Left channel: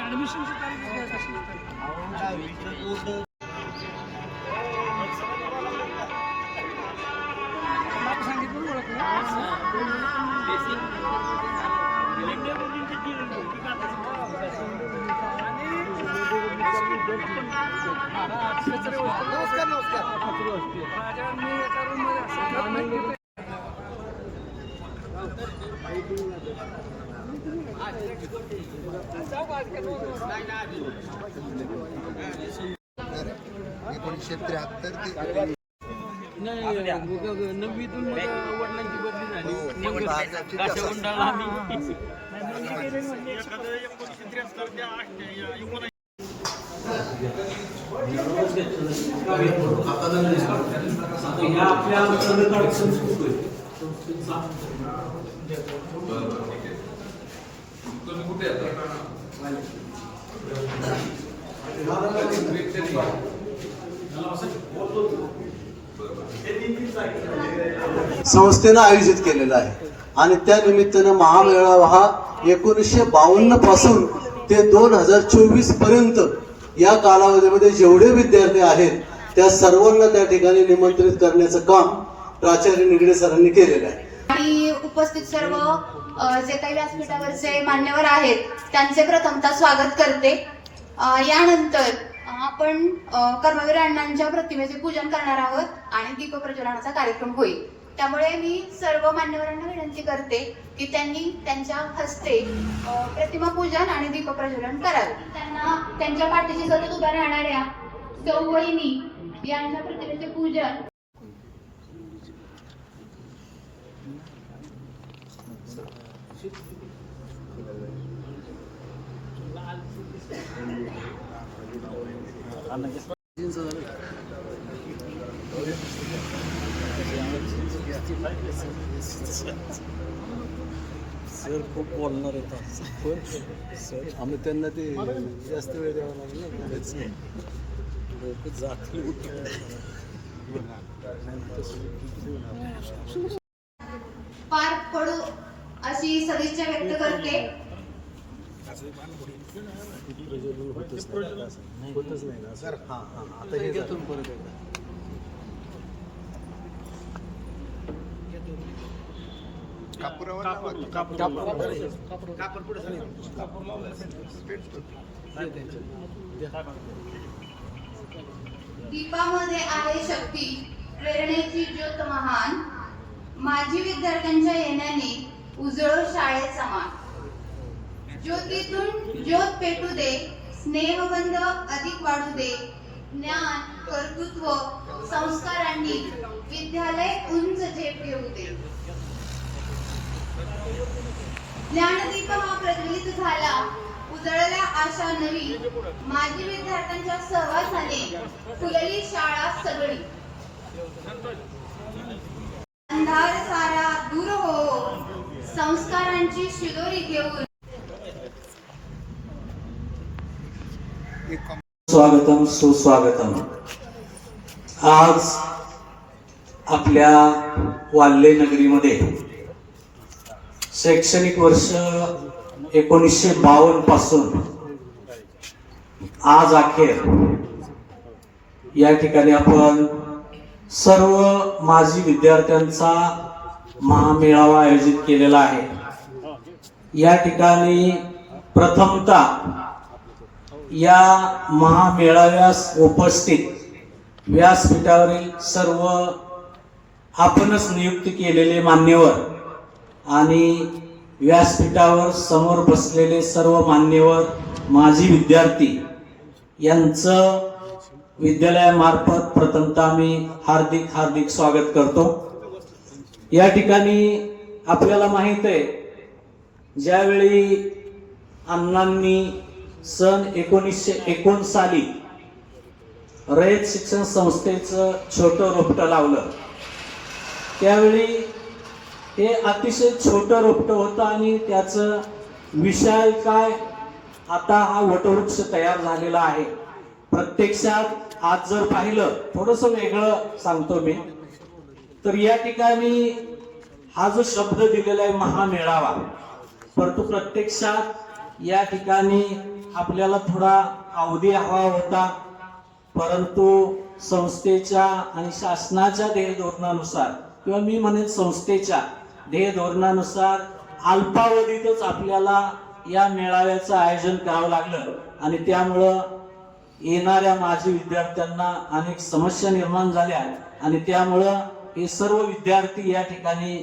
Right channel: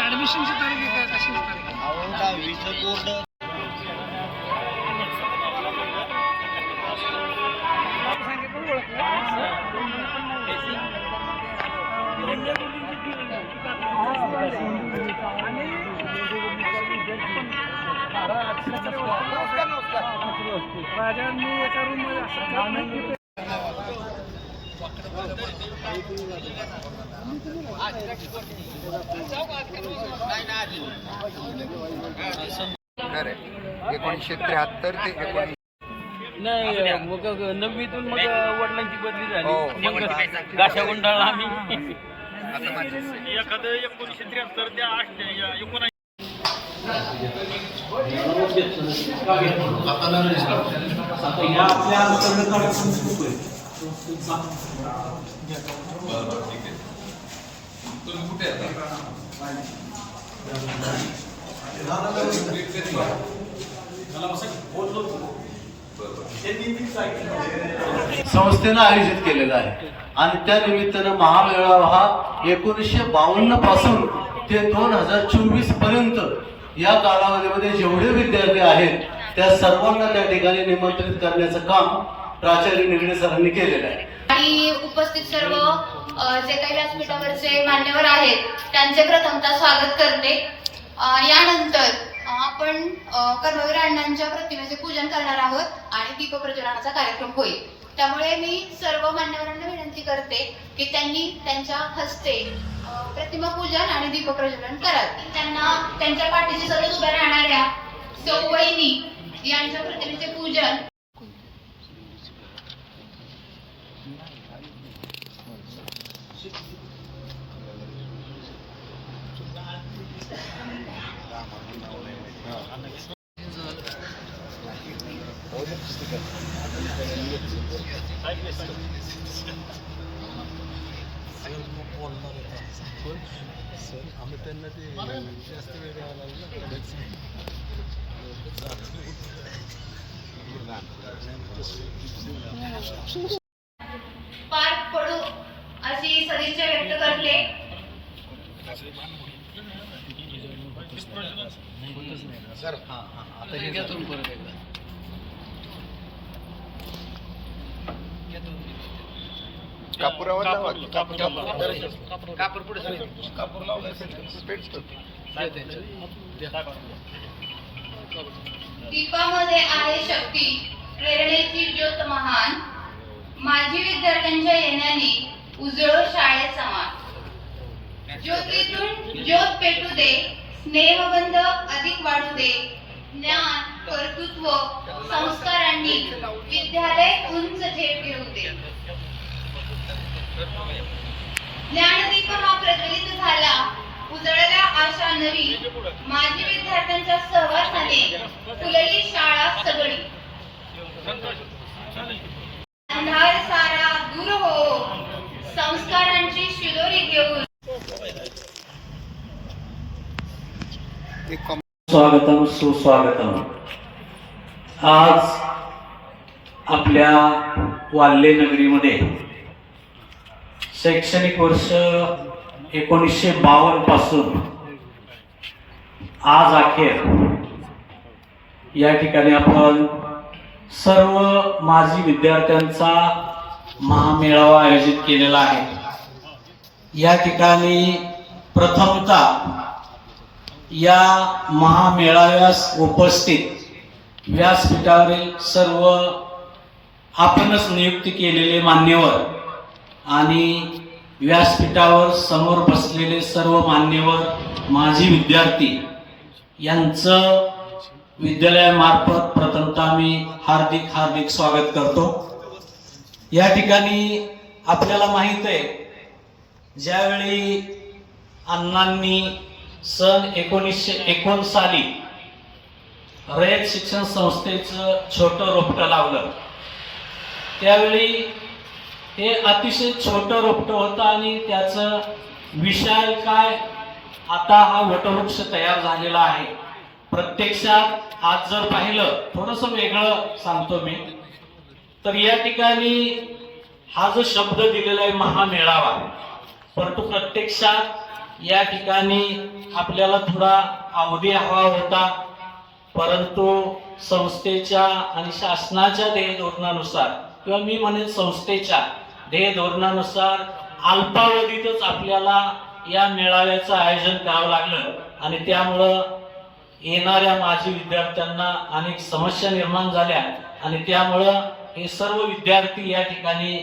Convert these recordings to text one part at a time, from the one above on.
ऍडमिशनची तारीख आहे का, कशी तारीख आहे? अहो 10वीचं बोर्ड नाव सांगितलं ओळखलं नमस्कार नमस्कार माझ्या मी एका रूममध्ये खरं 1973 ते 19 नाही नववीतून मग वडिलांची बदली झाली हो. गाशा मंडळाला आम्ही संस्थेनं आयोजित केलेला आहे आणि त्या निमित्तानं महामेळावा हा 1952 पासून ते 2024 पर्यंत या कालावधीमध्ये जेवढे विद्यार्थी आहेत त्या सर्वांना त्या ठिकाणी निमंत्रित करण्याचं काम प्राचार्य निगडे सरांनी केलेलं आहे. आणि उपस्थित सर्व जे काही व्यासपीठावरचे मान्यवर आहेत त्यांचे प्रथमतः स्वागत करते. यानंतर आपण कर्मवीर अण्णांच्या प्रतिमेचे पूजन करणार आहोत आणि दीपप्रज्वलनाचा कार्यक्रम होईल. त्यामुळे मी सर्व मान्यवरांना विनंती करते की त्यांनी त्यांच्या हस्ते प्रतिमा पूजन आणि दीपप्रज्वलन करावे. त्यांना त्यांच्या पाठीशी सतत उभ्या राहणाऱ्या सौ वहिनी यांच्या प्रतिमेचे पूजन खूप बोलणार आम्ही त्यांना ते जास्त वेळ पार पडू अशी सदिच्छा व्यक्त करते. सर आता हे घेतो परत एकदा दीपामध्ये आहे शक्ती, प्रेरणेची ज्योत महान, माजी विद्यार्थ्यांच्या येण्याने उजळो शाळेत समान. ज्योतीतून ज्योत पेटू दे, स्नेहबंध अधिक वाढू दे, ज्ञान कर्तृत्व संस्कारांनी विद्यालय उंच झेप घेऊ दे. ज्ञानदीप हा प्रज्वलित झाला, उजळल्या आशा नवी, माजी विद्यार्थ्यांच्या सहवासाने फुलली शाळा सगळी. अंधार सारा दूर हो, संस्कारांची शिदोरी घेऊन. स्वागतम सुस्वागतम. आज आपल्या वाल्हे नगरीमध्ये शैक्षणिक वर्ष 1952 पासून आज अखेर या ठिकाणी आपण सर्व माजी विद्यार्थ्यांचा महामेळावा आयोजित केलेला आहे. या ठिकाणी प्रथमतः या महामेळाव्यास उपस्थित व्यासपीठावरील सर्व आपणच नियुक्ती केलेले मान्यवर आणि व्यासपीठावर समोर बसलेले सर्व मान्यवर माजी विद्यार्थी यांचं विद्यालयामार्फत प्रथमतः मी हार्दिक स्वागत करतो. या ठिकाणी आपल्याला माहित आहे ज्यावेळी अण्णांनी सन 1951 साली रयत शिक्षण संस्थेचं छोटं रोपटं लावलं, त्यावेळी हे अतिशय छोटं रोपटं होतं आणि त्याचं विशाल काय आता हा वटवृक्ष तयार झालेला आहे. प्रत्यक्षात आज जर पाहिलं, थोडंसं वेगळं सांगतो मी, तर या ठिकाणी हा जो शब्द दिलेला आहे महामेळावा, परंतु प्रत्यक्षात या ठिकाणी आपल्याला थोडा अवधी हवा होता, परंतु संस्थेच्या आणि शासनाच्या ध्येय धोरणानुसार किंवा मी म्हणेन संस्थेच्या ध्येय धोरणानुसार अल्पावधीतच आपल्याला या मेळाव्याचं आयोजन करावं लागलं आणि त्यामुळं येणाऱ्या माजी विद्यार्थ्यांना अनेक समस्या निर्माण झाल्या आणि त्यामुळं हे सर्व विद्यार्थी या ठिकाणी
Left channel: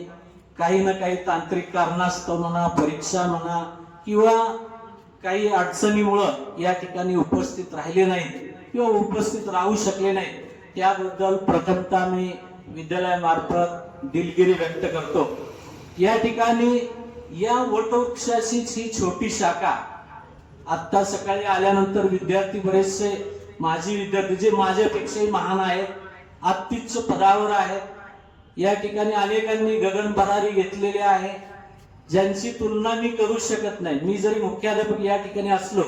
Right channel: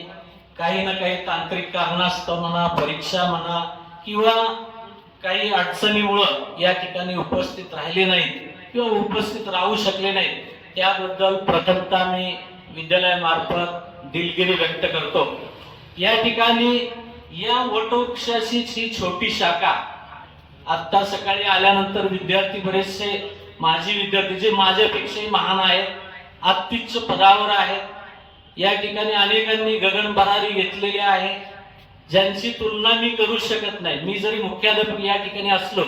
काही ना काही तांत्रिक कारणास्तव म्हणा, परीक्षा म्हणा किंवा काही अडचणीमुळं या ठिकाणी उपस्थित राहिले नाहीत किंवा उपस्थित राहू शकले नाहीत. त्याबद्दल प्रथमतः मी विद्यालयामार्फत दिलगिरी व्यक्त करतो. या ठिकाणी या वटवृक्षाचीच ही छोटी शाखा आत्ता सकाळी आल्यानंतर विद्यार्थी बरेचसे माजी विद्यार्थी जे माझ्यापेक्षाही महान आहेत, अत्युच्च पदावर आहेत, या ठिकाणी अनेकांनी गगनभरारी घेतलेली आहे, ज्यांची तुलना मी करू शकत नाही. मी जरी मुख्याध्यापक या ठिकाणी असलो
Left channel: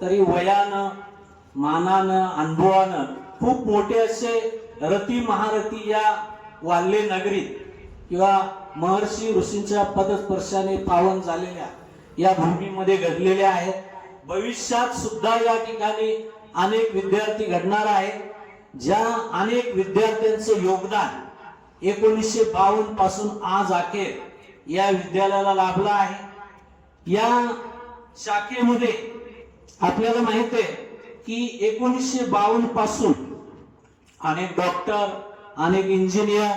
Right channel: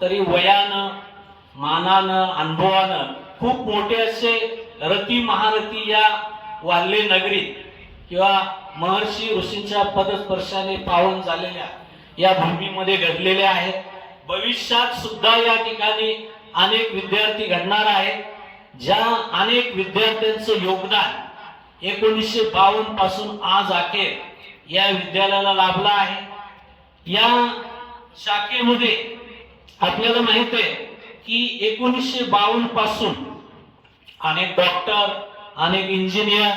तरी वयानं, मानानं, अनुभवानं खूप मोठे असे रती महारथी या वाल्हे नगरी किंवा महर्षी ऋषींच्या पदस्पर्शाने पावन झालेल्या या भूमीमध्ये घडलेले आहेत. भविष्यात सुद्धा या ठिकाणी अनेक विद्यार्थी घडणार आहेत, ज्या अनेक विद्यार्थ्यांचं योगदान 1952 पासून आज अखेर या विद्यालयाला लाभलं आहे. या शाखेमध्ये आपल्याला माहित आहे की 1952 पासून अनेक डॉक्टर, अनेक इंजिनियर,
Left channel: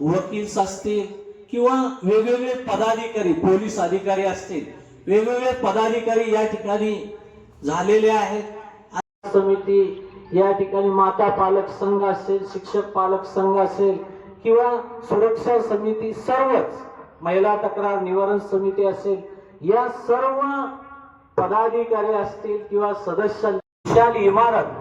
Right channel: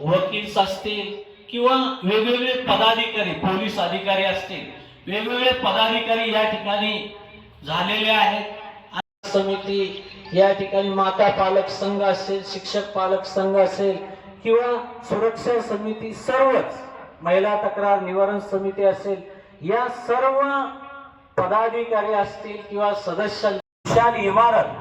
वकील असतील किंवा वेगवेगळे पदाधिकारी, पोलीस अधिकारी असतील, वेगवेगळे पदाधिकारी या ठिकाणी झालेले आहेत. समिती या ठिकाणी माता पालक संघ असेल, शिक्षक पालक संघ असेल किंवा सुरक्षा समिती, सर्वच महिला तक्रार निवारण समिती असेल, या सर्व पदाधिकारी असतील किंवा सदस्य, विशाल इमारत,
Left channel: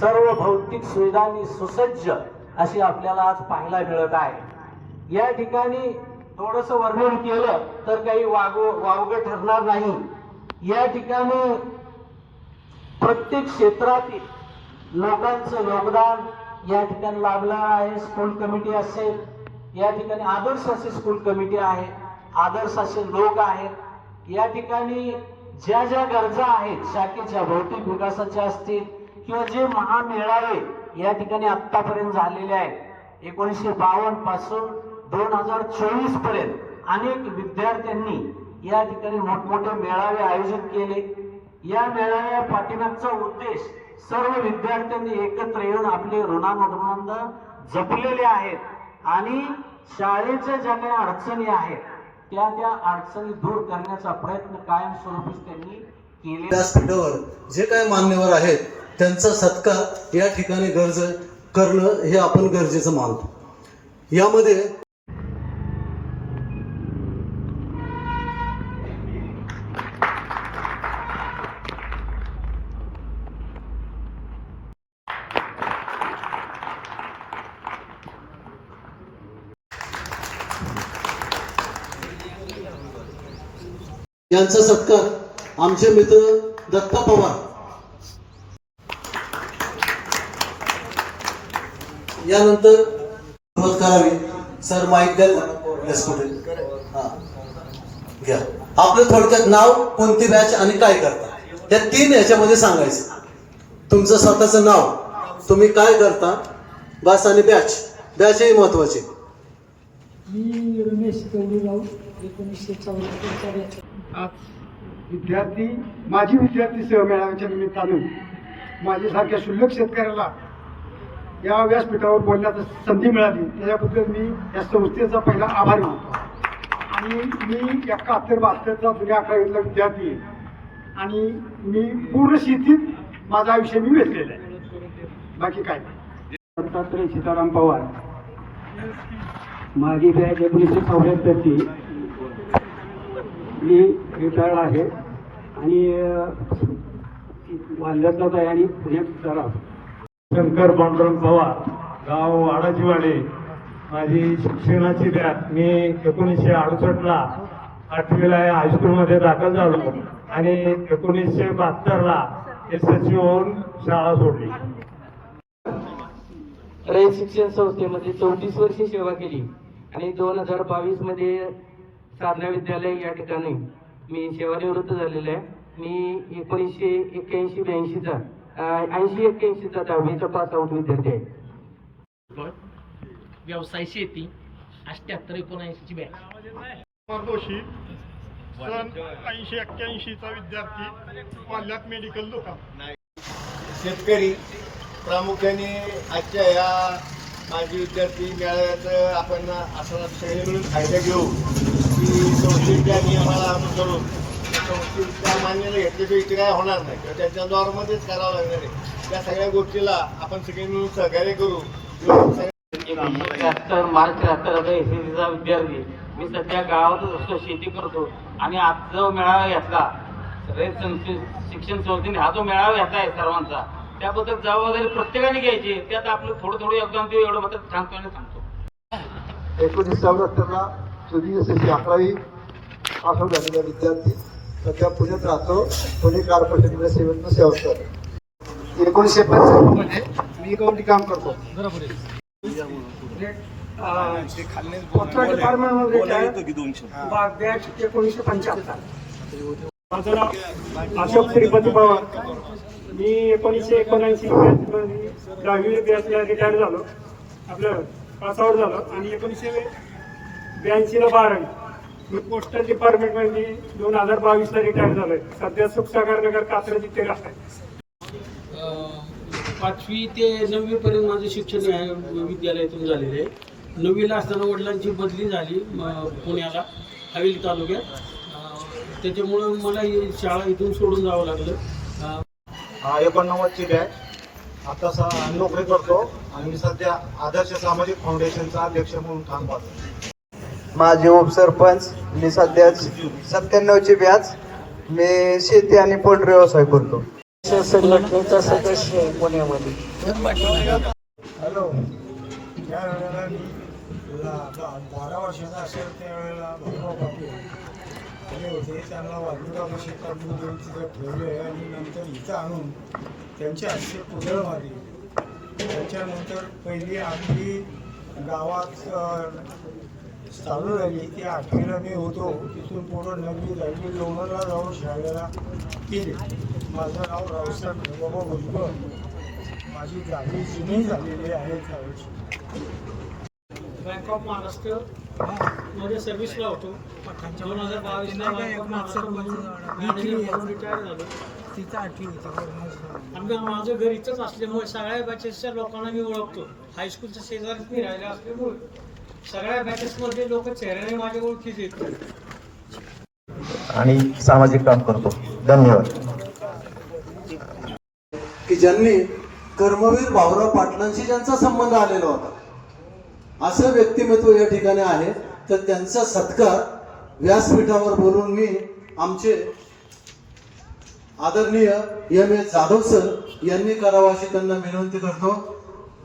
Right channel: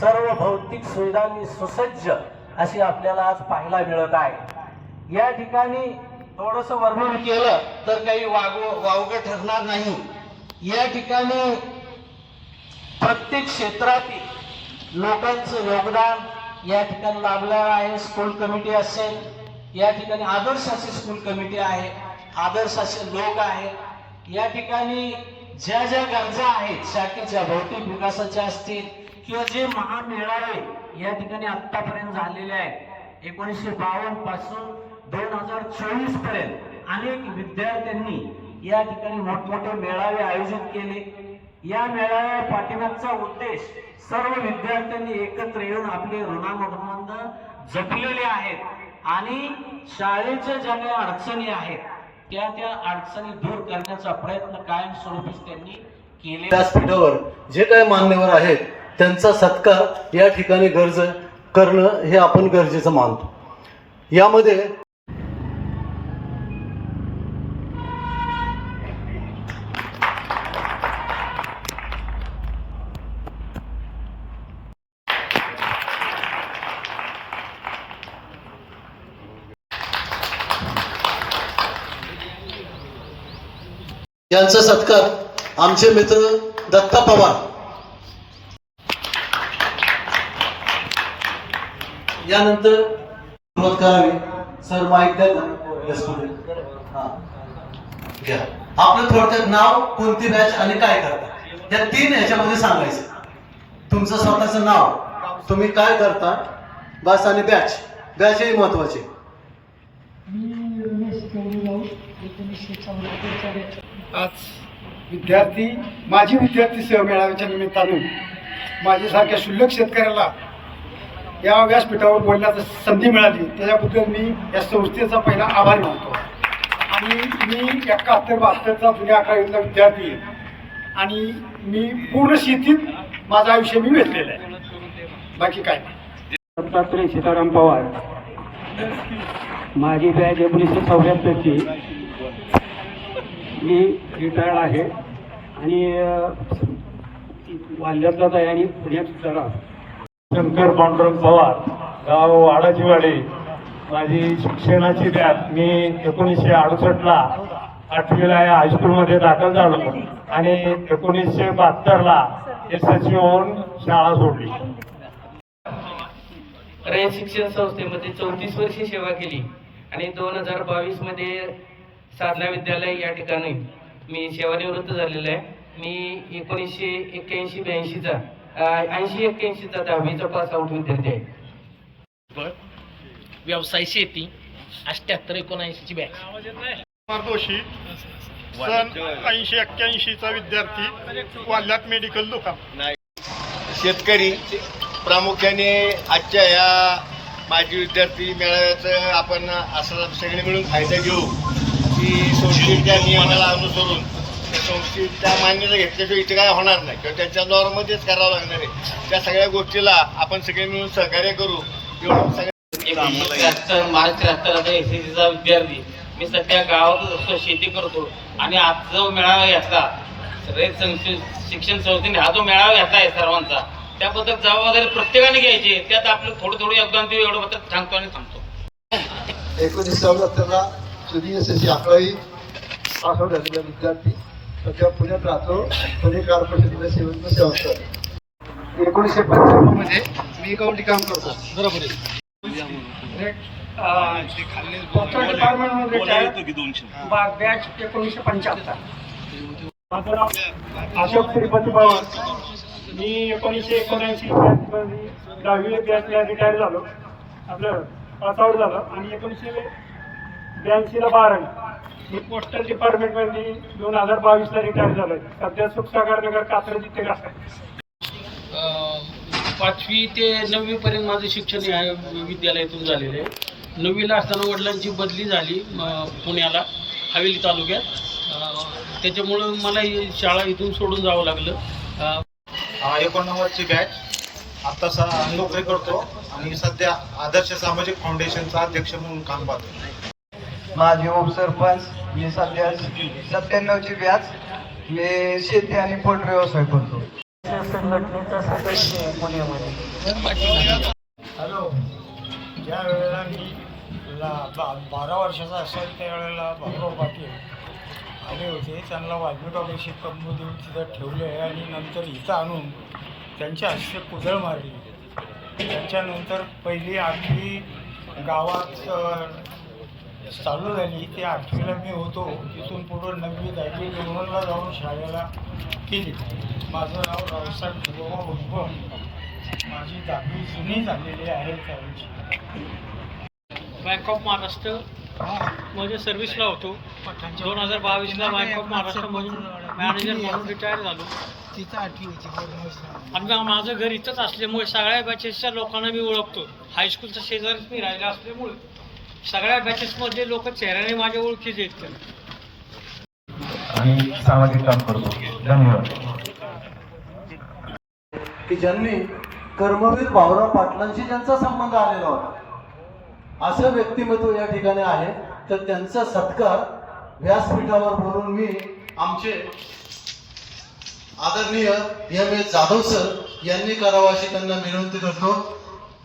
सर्व भौतिक सुविधांनी सुसज्ज अशी आपल्याला आज पाहायला मिळत आहे. या ठिकाणी थोडंसं वर्णन केलं तर काही वावगं ठरणार नाही. या ठिकाणी प्रत्येक क्षेत्रातील लोकांचं योगदान या ठिकाणी लाभलं आहे. स्कूल कमिटी असेल, या ठिकाणी आदर्श असे स्कूल कमिटी आहे, आदर्श असे लोक आहेत. या ठिकाणी ज्या ज्या गरजा आहेत शाखेच्या भौतिक विकासाच्या असतील किंवा जे महामेळावे या ठिकाणी आतापर्यंत झालेले आहेत 1952 पासून 2024 पर्यंत अनेक विद्यार्थ्यांनी या ठिकाणी मोठमोठे मेळावे आयोजित केले. या मेळाव्या पाठीमागचा उद्देश सर्व विद्यार्थ्यांनी एकत्र येऊन आपले ऋणानुबंध जपलेले आहेत आणि शाळेच्या ज्या काही अडचणी आहेत त्या अडचणी दूर करण्याचा प्रयत्न कायमस्वरूपीच त्यांनी केले. व्यासपीठावर जे काही मान्यवर आहेत त्यांचा सत्कार या ठिकाणी करणं हे आपण गरजेचं मानतो. यामध्ये यांचा सत्कार आमचे मित्र दत्ता पवार यानंतर सुरुवात करावी. सर माईक द्या. घ्या. आपलं थोडक्यात नाव, कोणती बॅच आणि काय करता या 3 ह्याच्यामध्ये सांगायचं. तुमचं स्वतःचं नाव, तुम्ही काय करता बस, आणि बॅच हे महत्वाचे. मी रमेश गौरीराव 1974 आज माजी विद्यार्थी सहमेळाव्याच्या निमित्तानं माझ्यासारख्या शुल्लक शेतकऱ्याला या व्यासपीठावर बोलण्याची संधी मिळाली, त्याच्याबद्दल मी या संस्थेचा पहिला आभार मानतो. आणि मी 71-72चा जुन्या अकरावीतला विद्यार्थी आणि मी पूर्ण शेतीत माझं आयुष्य मी वेचलेलं आहे. बाकी काय दत्तात्रय सीताराम पवार, माझी बॅच 1974ची. मी रिटायर्ड आहे आणि वाल्ह्यातलाच आहे आणि पुण्यात जरा. शंकर पांडुरंग पवार, गाव वाडाचीवाडी. माझी शिक्षणाची बॅच मी 1968ला 8वीला हायस्कूलमध्ये दाखल झालो आणि 1972ला SSC होऊन शाळा सोडली. रयत शिक्षण संस्थेमध्ये 34 वर्षे सेवा केली आणि 2022 मध्ये साधना विद्यालय या ठिकाणी मी सेवानिवृत्त झालेलो आहे. मी 1981-82चा 80-81चा 10वीचा पास आउट विद्यार्थी आहे. व्यवसाय शेती 78-79ची बॅच. कुमार जोशी सन 80-81चा विद्यार्थी, वाल्यात मेडिकल दुकान. शेतकरी प्रामुख्याने आजच्या या माजी विद्यार्थी मेळाव्याचं आपण असा सगळे मिळून फायदा घेऊ की संस्थेच्या नियमाला अनुसरून त्या संस्थेच्या मान्यता घेतल्याशिवाय इथे काय होणार नाही किंवा त्याच्या दौरामध्येच करावं लागणार आहे. त्या सगळ्या गोष्टीला आपण सगळे मिळून सहकार्य करू एवढं सगळं. मार्च 73 एसीसीचा विद्यार्थी. मी सध्या गावातच असतो, शेती करतो आणि आज जो मेळावा घेतला सगळे शिक्षण संस्थेने हा जो मेळावा घेतला आहे सर्वांचा, त्याबद्दल जबाबदारी प्रत्येकाने घ्यायची. त्यात आपलं थोडं योगदान देऊ एवढं मात्र सांगतो आणि थांबतो. 1974ला सुधी SSC 11वी पास आउट झालेला विद्यार्थी, सध्या पुण्यात राहतो. पुणे कॉर्पोरेशनमध्ये सेवा करतो. 1995 मी अकाउंटिंग काम करतो. डिपार्टमेंटमध्ये बॅच 1975. माझं नाव अशोक श्रीपती पवार. मी 1979 बॅचमध्ये 10वी बॅचला रिटायर झालो, आपलं पास आउट झालो आणि 1982ला 12वी. मी पोस्टल डिपार्टमेंटमध्ये 2022ला रिटायर झालो आहे. सध्या सुखसागर नगर कात्रज इथे राहत आहे. 5वी ते 9वी पर्यंत माझं शिक्षण या विद्यालयातून झालेलं आहे. 9वीला असताना वडिलांची बदली झाली पुण्याला हवेली तालुक्यात. त्याच्यामुळं मला ही शाळा इथून सोडून जावं लागलं. 89ची बॅच. आता नोकरी करतो आणि सध्या आदर्श सामाजिक फाउंडेशनचा अध्यक्ष म्हणून काम पाहतो. माझे उपसरपंच. मी सध्या 97ची बॅच. मी शेती आणि पोल्ट्री व्यवसाय करतो. संघटनेचा सदस्य पुण्यामध्ये. हॅलो. ज्या वेळेला मी 12 वर्षाचा असेल त्यावेळेला भाऊराव पाटील आले होते. त्यांना वाल्मिकापाशी तंबू देऊन तिथं ठेवले आणि नंतर इथं आणून त्यांच्या हस्ते कुदळ मारली. त्याच्यानंतर पहिली 8वी गावात चालू झाली. ती 8वीला मी होतो. तिथून पुढं 9वी 10वी लोणंदला जाऊन शाळेला केली. माझं नाव रावसाहेब ढोबाबा भुजबळ. माझी 10वी जुनी झालेली आहे त्यावेळेची. बँक ऑफ महाराष्ट्र मध्ये सर्व्हिसला होतो. 2022ला बँक ऑफ महाराष्ट्रमधून मॅनेजर म्हणून रिटायर झालो. आणि माझं घर इथंच असल्यामुळे सगळ्या बॅचेसच्या लोकांना मी ओळखतो. हायस्कूलच्या शेजारीच मी राहिला असल्यामुळे सगळ्या बॅचेसमधले लोक चेहऱ्याने माझ्या ओळखीचे आहेत आणि सामाजिक काम करतो. धन्यवाद. की ज्यांनी कर्मवीर भाऊराव पाटलांशी ज्यांचा संबंध आलेला होता, असं व्यक्तिमत्व या ठिकाणी आहे. तर त्यांचा सत्कार व्यासपीठावर बोलून मी आमचे आदरणीय M.A. जाधव सर यांनी करावं अशी त्यांना विनंती करतो.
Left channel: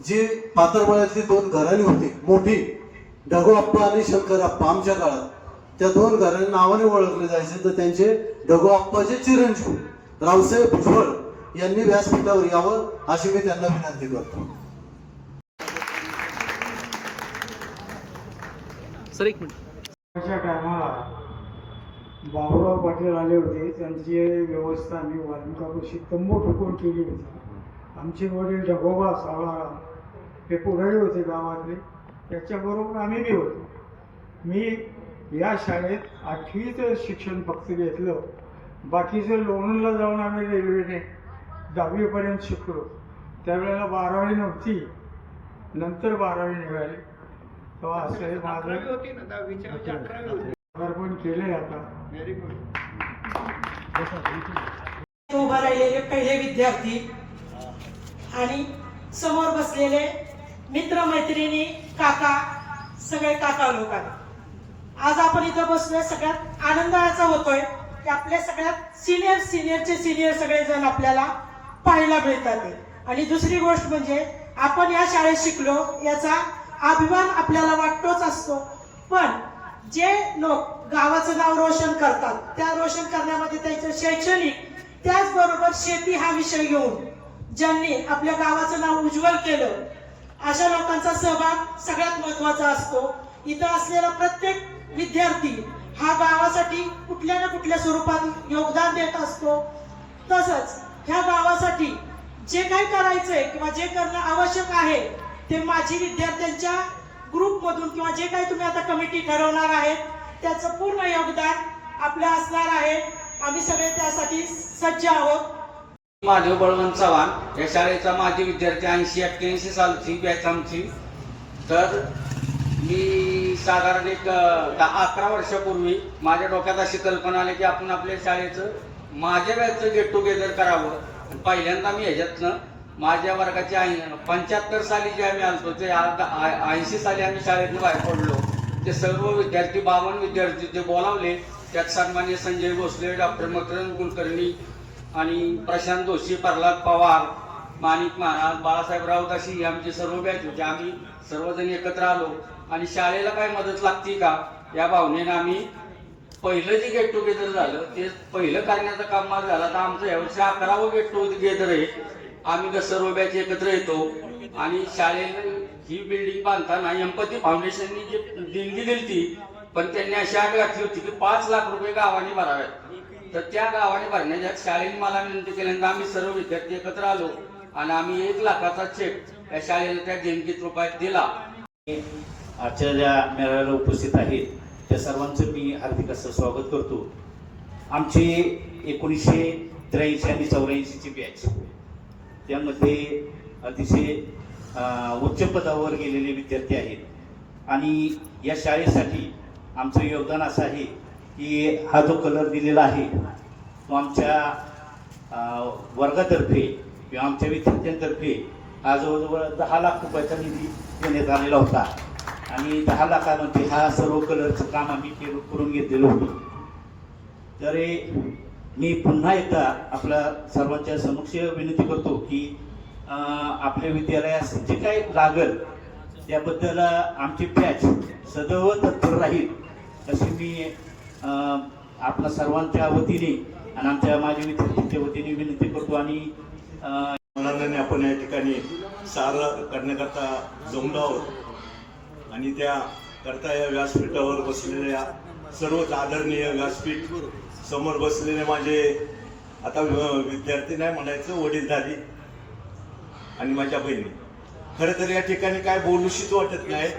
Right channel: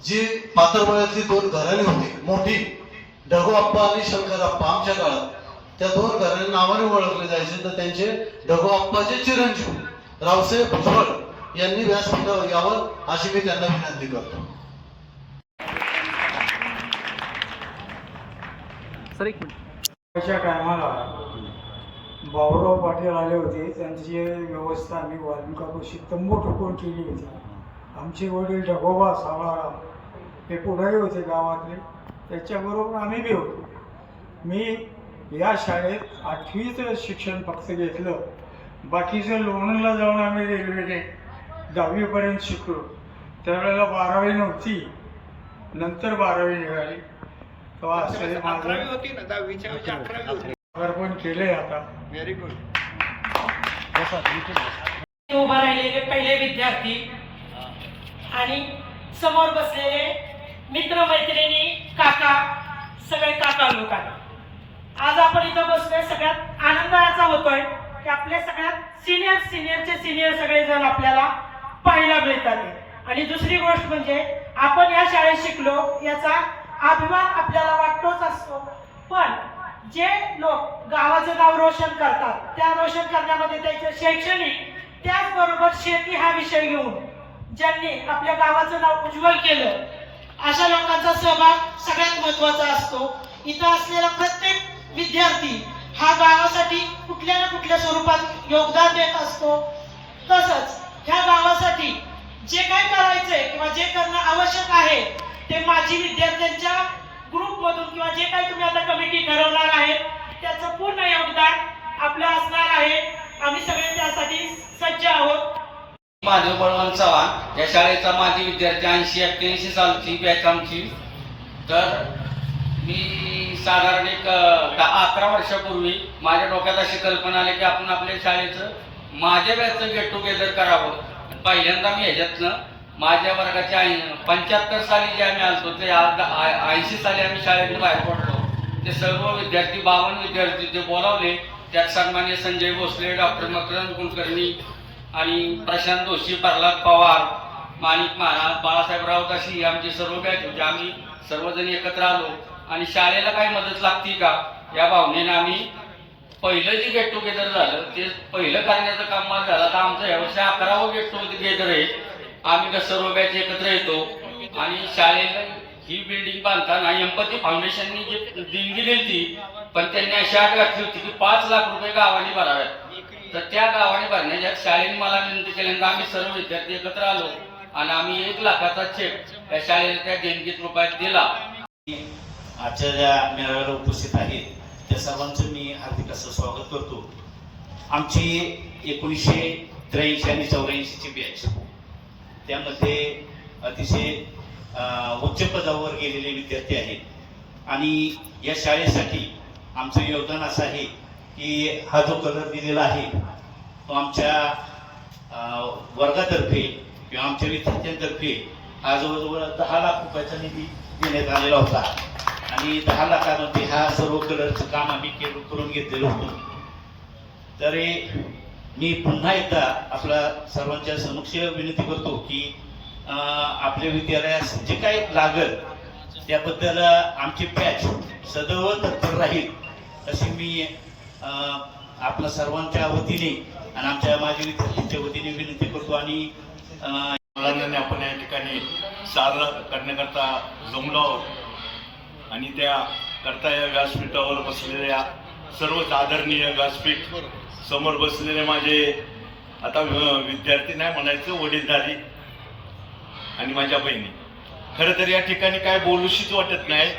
जी पाताळपाड्यातली 2 घराणी होती मोठी, ढगोआप्पा आणि शंकरआप्पा. आमच्या काळात त्या 2 घरांना नावाने ओळखले जायचे. तर त्यांचे ढगोआप्पाचे चिरंजीव रावसाहेब भुजबळ यांनी व्यासपीठावर यावं अशी मी त्यांना विनंती करतो. सर एक मिनिट. त्याच्या टायमाला भाऊराव पाटील आले होते. त्यांची व्यवस्था आम्ही वाल्मिकापाशी तंबू ठोकून केली होती. आमचे वडील ढगोबा सावळाराम हे पुढारी होते गावातले. त्याच्याबरोबर आम्ही बी होतो. मी या शाळेत 8वीचं शिक्षण फक्त घेतलं. बाकीचं लोणंदला जाऊन आम्ही रेल्वेने 10वीपर्यंत शिकलो. त्यावेळेला 12वी नव्हती, नंतर 12वी निघाली. तेव्हा असं हे माझं पण केलंय आता. Very good. उभा राहिलेले पहिले विद्यार्थी आणि समोर बसलेले मित्र मैत्रिणी, काका, सगळे काका लोकांना आज आपण इथं बसलोय. सगळ्यात आनंद याचा होतोय की आपल्या सगळ्यात सिनियरचे सिनियर सगळेजण आपल्याला पाहायला मिळतात. आणि दुसरी गोष्ट म्हणजे आपण या शाळेत शिकलो याचा अभिमान आपल्याला वाटतोच असतो. पण जे लोक गावाचं नाव रोशन करतात, त्या रोशन करण्यामध्ये त्यांचं शैक्षणिक त्याचबरोबर शेती हा विषय घेऊन ज्यांनी आपल्या गावाचं नाव उज्ज्वल केलं, अशा लोकांचा सहभाग सगळ्यात महत्त्वाचा असतो. इथं असलेला प्रत्येक विद्यार्थी हा हा गावासाठी कुठल्या ना कुठल्या स्वरूपात योगदान देत असतो. तसंच ह्या गावासाठी जे काही करायचंय किंवा जे करणं आवश्यक आहे ते माजी विद्यार्थ्यांच्या ग्रुपमधून किंवा जे काही तुम्ही आता कमिटी ठरवणार आहेत त्याचं पूर्ण योगदान आपलं असणार आहे. आम्ही सगळे त्यासाठी सज्ज आहोत. माधव बळवंत चव्हाण या शाळेचा माजी विद्यार्थी 80-81 सालची बॅच आमची. तर मी साधारण एक 11 वर्षापूर्वी माझ्या डोक्यात अशी कल्पना आली की आपण आपल्या शाळेचं माझ्या बॅचचं गेट टुगेदर करावं. पहिल्यांदा मी ह्याच्यातनं माझ्या वर्गाच्या 75 साली जे आम्ही आलतो ते 80 साली आम्ही शाळेतून बाहेर पडलो. ते सर्व विद्यार्थी 52 विद्यार्थी जे बोलावले त्यात सन्मान्य संजय भोसले, डॉक्टर मकरंद कुलकर्णी आणि प्रशांत जोशी, प्रल्हाद पवार, माणिक महाराज, बाळासाहेब राऊत अशी आमची सर्व बॅच होती. आम्ही सर्वजण एकत्र आलो आणि शाळेला काय मदत लागती का या भावनेने आम्ही पहिलं जे गेट टुगेदर झालं ते पहिलं करण्याचं काम माझं झालं. तर आमचं यावर्षी 11वं गेट टुगेदर आहे. आम्ही सर्व बॅच एकत्र येतो आणि शाळेला ही बिल्डिंग बांधताना एम्पथी फाउंडेशननी जी देणगी दिली ती पण त्यांनी अशी अट घातली होती की 5 लाख रुपये गावाने भराव्यात. तर त्या गावाने भरण्याच्या शाळेने मला विनंती केल्यानंतर आम्ही सर्व विद्यार्थी एकत्र आलो आणि आम्ही 1 लाखाचा चेक त्या शाळेला त्या देणगीत रुपयात दिला. आजच्या ज्या मेळाव्याला उपस्थित आहेत त्या सर्वांचं मी हार्दिक असं स्वागत करतो. आमची 1983 आणि 84ची बॅच त्यामध्ये अतिशय उच्च पदावर गेलेले विद्यार्थी आहेत आणि या शाळेसाठी आमचं योगदान असं आहे की हा जो कलर दिलेला आहे तो आमच्या वर्गातर्फे किंवा आमच्या विद्यार्थ्यांतर्फे हा जवळजवळ 10 लाख रुपयाचा निधी देण्यात आलेला होता आणि 10 लाखामध्ये हा सर्व कलरचं काम आम्ही करून घेतलेलं होतं. तर मी पुन्हा एकदा आपल्या सर्वांच्या समक्ष विनंती करतो की आपल्या विद्यालयास जे काय लागल त्याबद्दल आमची बॅच सदैव तत्पर राहील अशी मी आपल्या सर्वांच्या वतीने आणि आमच्या माजी विद्यार्थ्यांच्या वतीने विनंती करतो. आणि मुलांना आपण या ठिकाणी सारं करण्याकरता जमलो आहोत आणि त्या करता या व्यासपीठावर बसलेल्या सर्वच आदरणीय व्यासपीठ समोर बसलेले माझे आता विद्यार्थी नाही म्हणायचं वडीलधारी आणि माझ्या बहिणी. खरं तर या ठिकाणी काय बोलूशीच वाटत नाही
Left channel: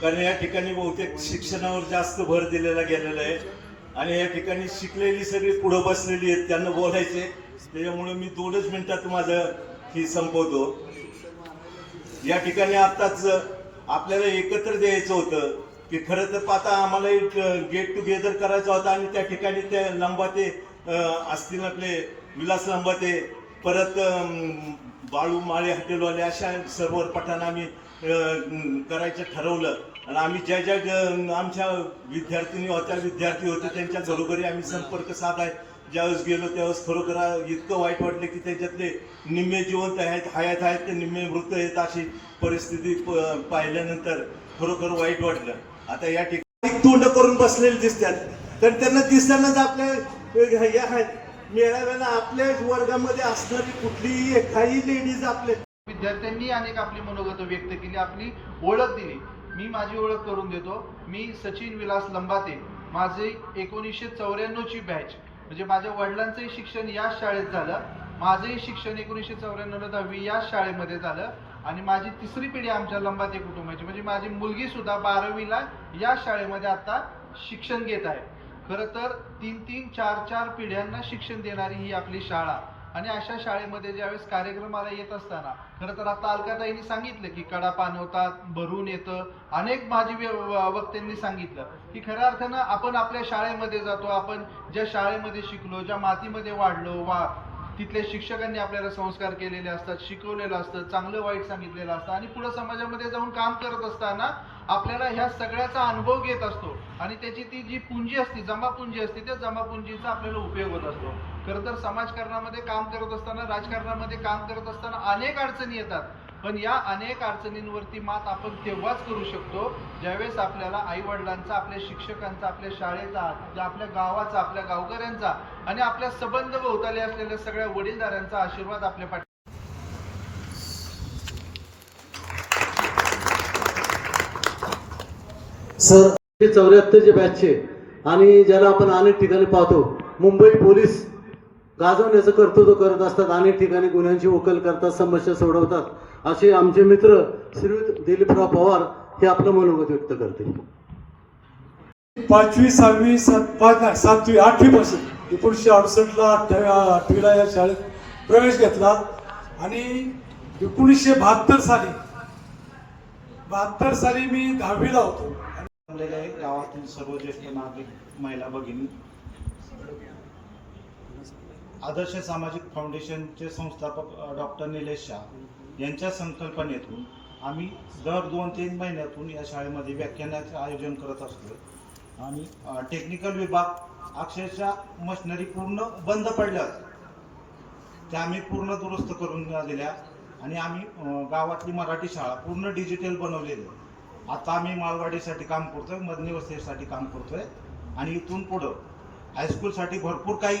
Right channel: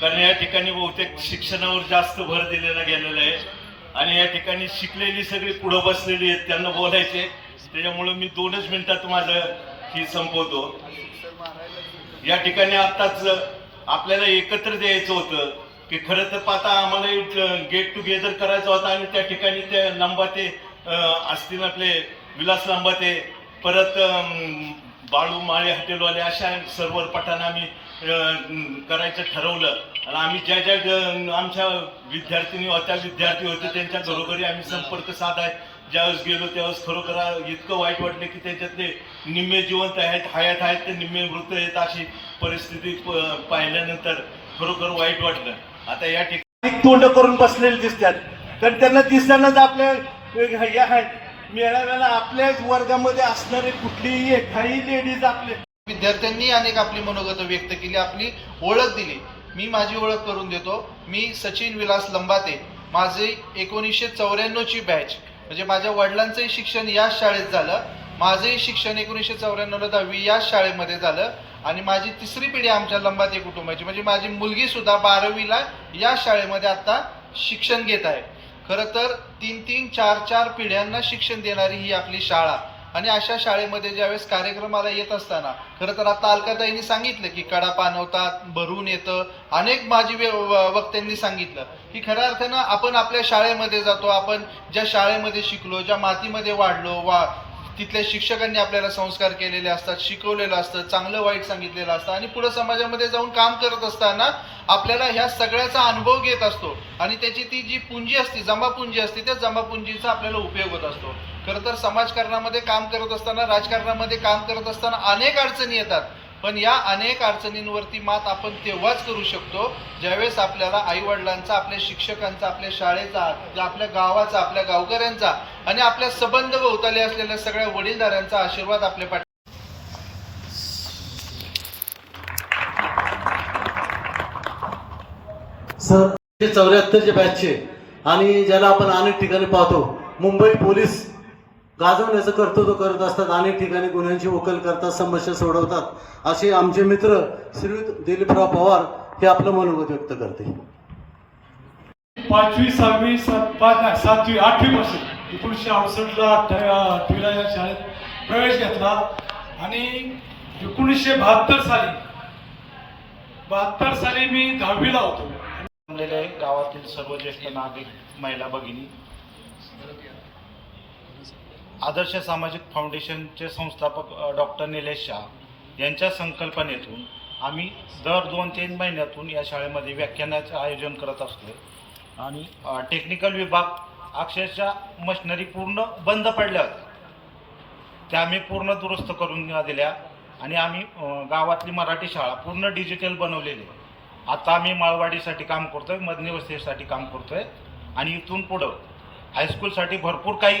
कारण या ठिकाणी बहुतेक शिक्षणावर जास्त भर दिलेला गेलेला आहे आणि या ठिकाणी शिकलेली सगळी पुढं बसलेली आहेत त्यांना बोलायचे. त्याच्यामुळं मी 2च मिनिटात माझं ही संपवतो. या ठिकाणी आत्ताच आपल्याला एकत्र द्यायचं होतं की खरं तर आता आम्हाला गेट टुगेदर करायचा होता आणि त्या ठिकाणी त्या लंबाते असतील आपले विलास लंबाते परत बाळू माळे हॉटेलवाले अशा सर्व पठाण आम्ही करायचं ठरवलं आणि आम्ही ज्या ज्या आमच्या विद्यार्थिनी होत्या विद्यार्थी होते त्यांच्या घरोघरी आम्ही संपर्क साधाय ज्यावेळेस गेलो त्यावेळेस खरोखर इतकं वाईट वाटलं की त्याच्यातले निम्मे जिवंत आहेत हयात आहेत ते निम्मे मृत आहेत अशी परिस्थिती पाहिल्यानंतर खरोखर वाईट वाटलं. आता या ठिकाणी तोंड करून बसलेले दिसतात तर त्यांना दिसतानाच आपल्या हे आहेत मेळाव्याला आपल्याच वर्गामध्ये असणारे कुठलीही काही लेडीज आपले विद्यार्थ्यांनी अनेक आपली मनोगत व्यक्त केली, आपली ओळख दिली. मी माझी ओळख करून देतो. मी सचिन विलास लंबाते. माझी 1994ची बॅच म्हणजे माझ्या वडिलांचंही शिक्षण याच शाळेत झालं. माझंही शिक्षण 1994ला 10वी याच शाळेमध्ये झालं आणि माझी 3री पिढी आमच्या लंबाते कुटुंबाची म्हणजे माझी मुलगी सुद्धा 12वीला या शाळेमध्ये आता शिक्षण घेत आहे. खरं तर 3-3, 4-4 पिढ्यांना शिक्षण देणारी ही आपली शाळा आणि अशा शाळेमध्ये ज्यावेळेस कार्यक्रमाला येत असताना खरं तर आता अलकाताईंनी सांगितलं की कडा पाणवतात, भरून येतं. अनेक माजी वक्त्यांनी सांगितलं की खऱ्या अर्थानं आपण आपल्या शाळेमध्ये जातो, आपण ज्या शाळेमध्ये शिकलो, ज्या मातीमध्ये वाढलो, तिथल्या शिक्षकांनी आपल्याला संस्कार केलेले असतात, शिकवलेलं असतं, चांगलं वाईट सांगितलेलं असतं आणि पुढे समाजामध्ये जाऊन काम करत असताना आपल्याला ह्या सगळ्याचा अनुभव घेत असतो आणि त्याची ती जी पुंजी असते, जमापुंजी असते, त्या जमापुंजीचा आपल्याला उपयोग होत असतो. खरं तर समाजकारणामध्ये काम करत असताना, राजकारणामध्ये काम करत असताना अनेक अडचणी येतात पण या अनेक अडचणींवरती मात आपण तेव्हाच करू शकतो ज्यावेळेस आपल्याला आईवडिलांचा, आपल्या शिक्षकांचा, आपल्या शाळेचा, आपल्या गावाचा, आपल्या गावकऱ्यांचा आणि आपल्या संबंध भोवताली असलेल्या सगळ्या वडीलधाऱ्यांचा आशीर्वाद आपल्या पाठी. सर 74चे बॅचचे आणि ज्याला आपण अनेक ठिकाणी पाहतो, मुंबई पोलीस गाजवण्याचं कर्तृत्व करत असतात, अनेक ठिकाणी गुन्ह्यांची उकल करतात, समस्या सोडवतात, असे आमचे मित्र श्रीयुत दिलीपराव पवार हे आपलं मनोगत व्यक्त करते. 5वी 6वी 7वी 8वी पासून 1968ला 8वीला या शाळेत प्रवेश घेतला आणि 1972 साली मी 10वीला होतो. जमलेले गावातील सर्व ज्येष्ठ नागरिक, महिला भगिनी, आदर्श सामाजिक फाउंडेशनचे संस्थापक डॉक्टर निलेश शाह यांच्या संकल्पनेतून आम्ही दर 2-3 महिन्यातून या शाळेमध्ये व्याख्यानाचं आयोजन करत असतोय. आणि टेक्निकल विभाग अक्षरशः मशिनरी पूर्ण बंद पडल्या होत्या, त्या आम्ही पूर्ण दुरुस्त करून दिल्या आणि आम्ही गावातली मराठी शाळा पूर्ण डिजिटल बनवलेली आहे. आता आम्ही माळवाडीसाठी काम करतोय, मदनी वस्तीसाठी काम करतोय आणि इथून पुढं हायस्कूलसाठी भरपूर काही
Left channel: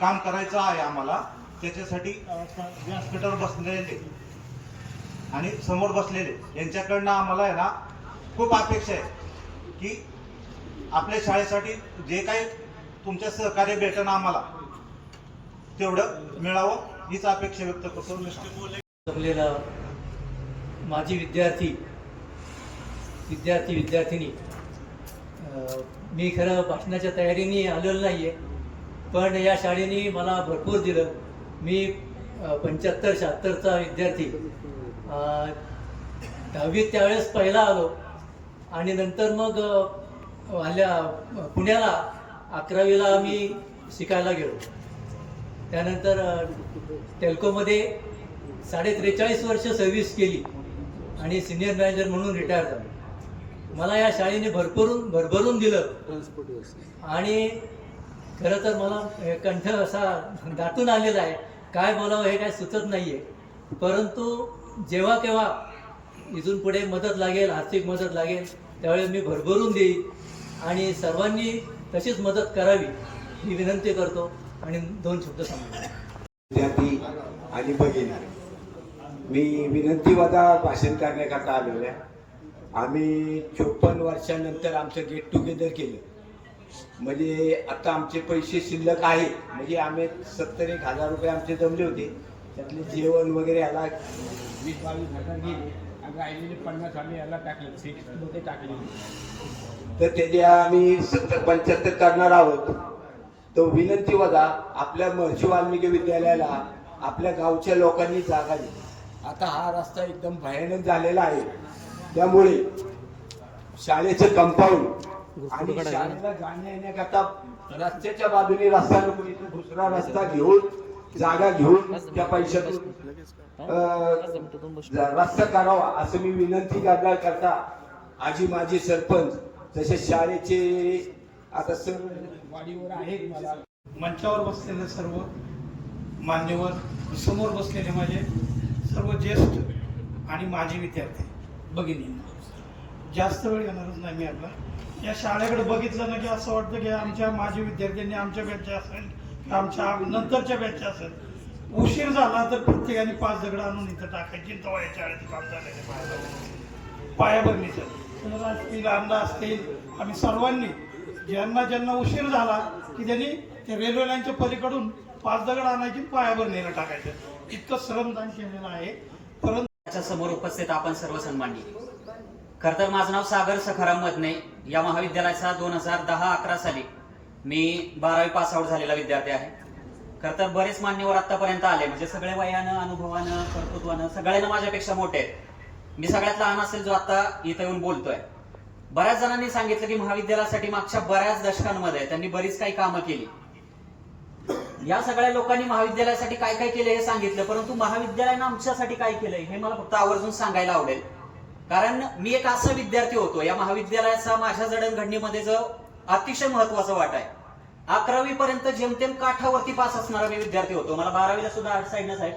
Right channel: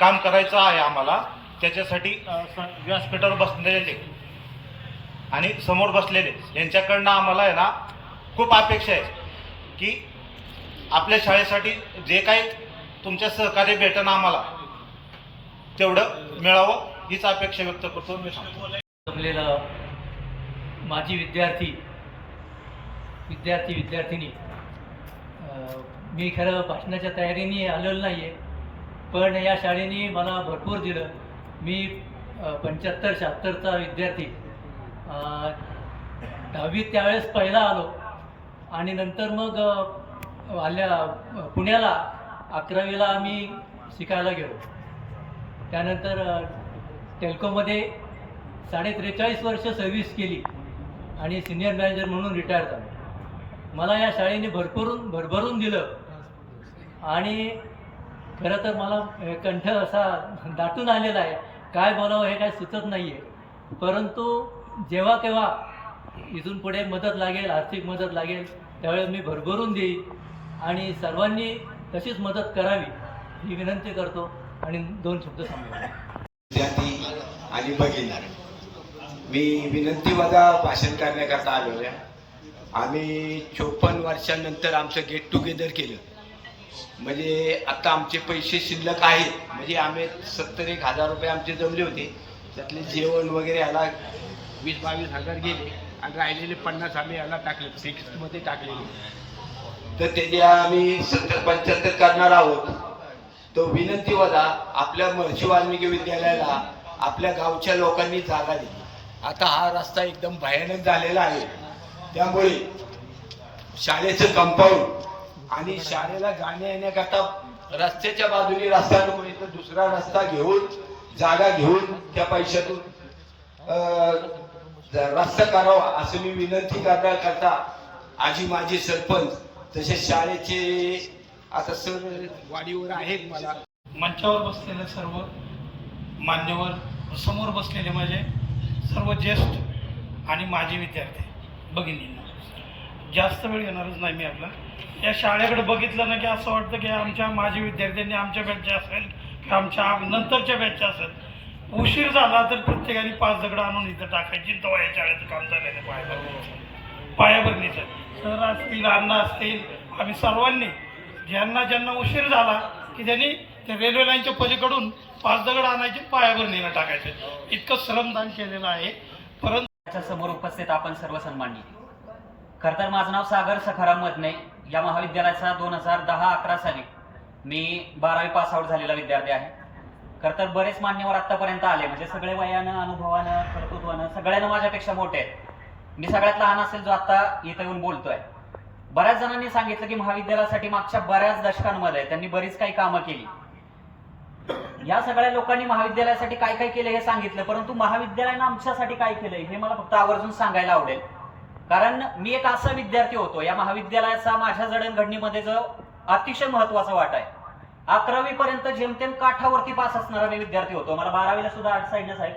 काम करायचं आहे आम्हाला. त्याच्यासाठी व्यासपीठावर बसलेले आणि समोर बसलेले यांच्याकडनं आम्हाला आहे ना खूप अपेक्षा आहे की आपल्या शाळेसाठी जे काही तुमच्या सहकार्य भेटणं आम्हाला तेवढं मिळावं हीच अपेक्षा व्यक्त करतो. मी आपल्याला माजी विद्यार्थिनी मी खरं भाषणाच्या तयारीने आलेलो नाही आहे, पण या शाळेने मला भरपूर दिलं. मी 75-76चा विद्यार्थी, 10वीत त्यावेळेस पहिला आलो आणि नंतर मग पुण्याला 11वीला आम्ही शिकायला गेलो. त्यानंतर टेल्कोमध्ये 43.5 वर्ष सर्व्हिस केली आणि सिनियर मॅनेजर म्हणून रिटायर झालो. मला या शाळेने भरभरून दिलं आणि खरं तर मला कंठ असा दाटून आलेला आहे, काय बोलावं हे काय सुचत नाही आहे. परंतु जेव्हा केव्हा इथून पुढे मदत लागेल, आर्थिक मदत लागेल, त्यावेळेस मी भरभरून देईन आणि सर्वांनी तशीच मदत करावी ही विनंती करतो आणि 2 शब्द सांगतो. विद्यार्थी आणि भगिनी, मी विनंतीवजा भाषण करण्याकरता आलो आहे. आम्ही 54 वर्षानंतर आमचं गेट टुगेदर केलं. म्हणजे आता आमचे पैसे शिल्लक आहेत, म्हणजे आम्ही 70-1,000 रुपये आमचे जमले होते, त्यातले जेवण वगैरे याला 20-22 हजार गेले आणि राहिलेले 50 आम्ही याला टाकले, फिक्समध्ये टाकलेले. तर त्याचे आम्ही 70-75 करणार आहोत. तो विनंतीवजा आपल्या महर्षी वाल्मिकी विद्यालयाला आपल्या गावच्या लोकांनी जागा दिली. आता हा रस्ता एकदम भयानक झालेला आहे, त्यामुळे शाळेचं कंपाऊंड आणि शाळेला जाण्या येण्याकरता रस्त्याच्या बाजूने रस्ता नको, तर दुसरा रस्ता घेऊन जागा घेऊन त्या पैशातून रस्ता करावा असं मी विनंती करण्याकरता आजी माजी सरपंच तसेच शाळेचे आता सर वाडीवर आहेत, मला मंचावर बसलेले सर्व मान्यवर, समोर बसलेले माझे सर्व ज्येष्ठ आणि माजी विद्यार्थी भगिनींना, जास्त वेळ येणारच नाही मी आपला. या शाळेकडे बघितलं ना की असं वाटतं की आमच्या माजी विद्यार्थ्यांनी आमच्या बॅचचे असेल किंवा आमच्या नंतरच्या बॅचचे असेल, उशीर झाला तर प्रत्येकाने 5 दगड आणून इथं टाकायची. तेव्हा या शाळेचं काम झालेलं पायाभरणीचं. सर असतील, अण्णा असतील, आम्ही सर्वांनी ज्यांना उशीर झाला की त्यांनी त्या रेल्वे लाईनच्या पलीकडून 5 दगड आणायची, पायाभरणीला टाकायचे. इतकं श्रमदान केलेलं आहे. परंतु समोर उपस्थित आपण सर्व सन्माननीय, खरं तर माझं नाव सागर सखाराम मदने. या महाविद्यालयाचा 2010-11 साली मी 12वी पास आउट झालेला विद्यार्थी आहे. खरं तर बरेच मान्यवर आत्तापर्यंत आले, म्हणजे सगळे वयानं, अनुभवानं, कर्तृत्वानं सगळ्यांना माझ्यापेक्षा मोठे आहेत. मी सगळ्यात लहान असेल जो आता इथं येऊन बोलतोय. बऱ्याच जणांनी सांगितलं की महाविद्यालयासाठी मागच्या बऱ्याच दशकांमध्ये त्यांनी बरीच काही कामं केली. या सगळ्या लोकांनी महाविद्यालयासाठी काय काय केलं हे सांगितलं, परंतु महाविद्यालयानं आमच्यासाठी काय केलंय हे मला फक्त आवर्जून सांगायला आवडेल. कारण मी एक असा विद्यार्थी होतो, या महाविद्यालयाचा माझ्या जडणघडणीमध्ये जो अतिशय महत्वाचा वाटा आहे. 11वी पर्यंत जेमतेम काठावरती पास असणारा मी विद्यार्थी होतो. मला 12वीला सुद्धा आर्ट साईडनंच आहेत,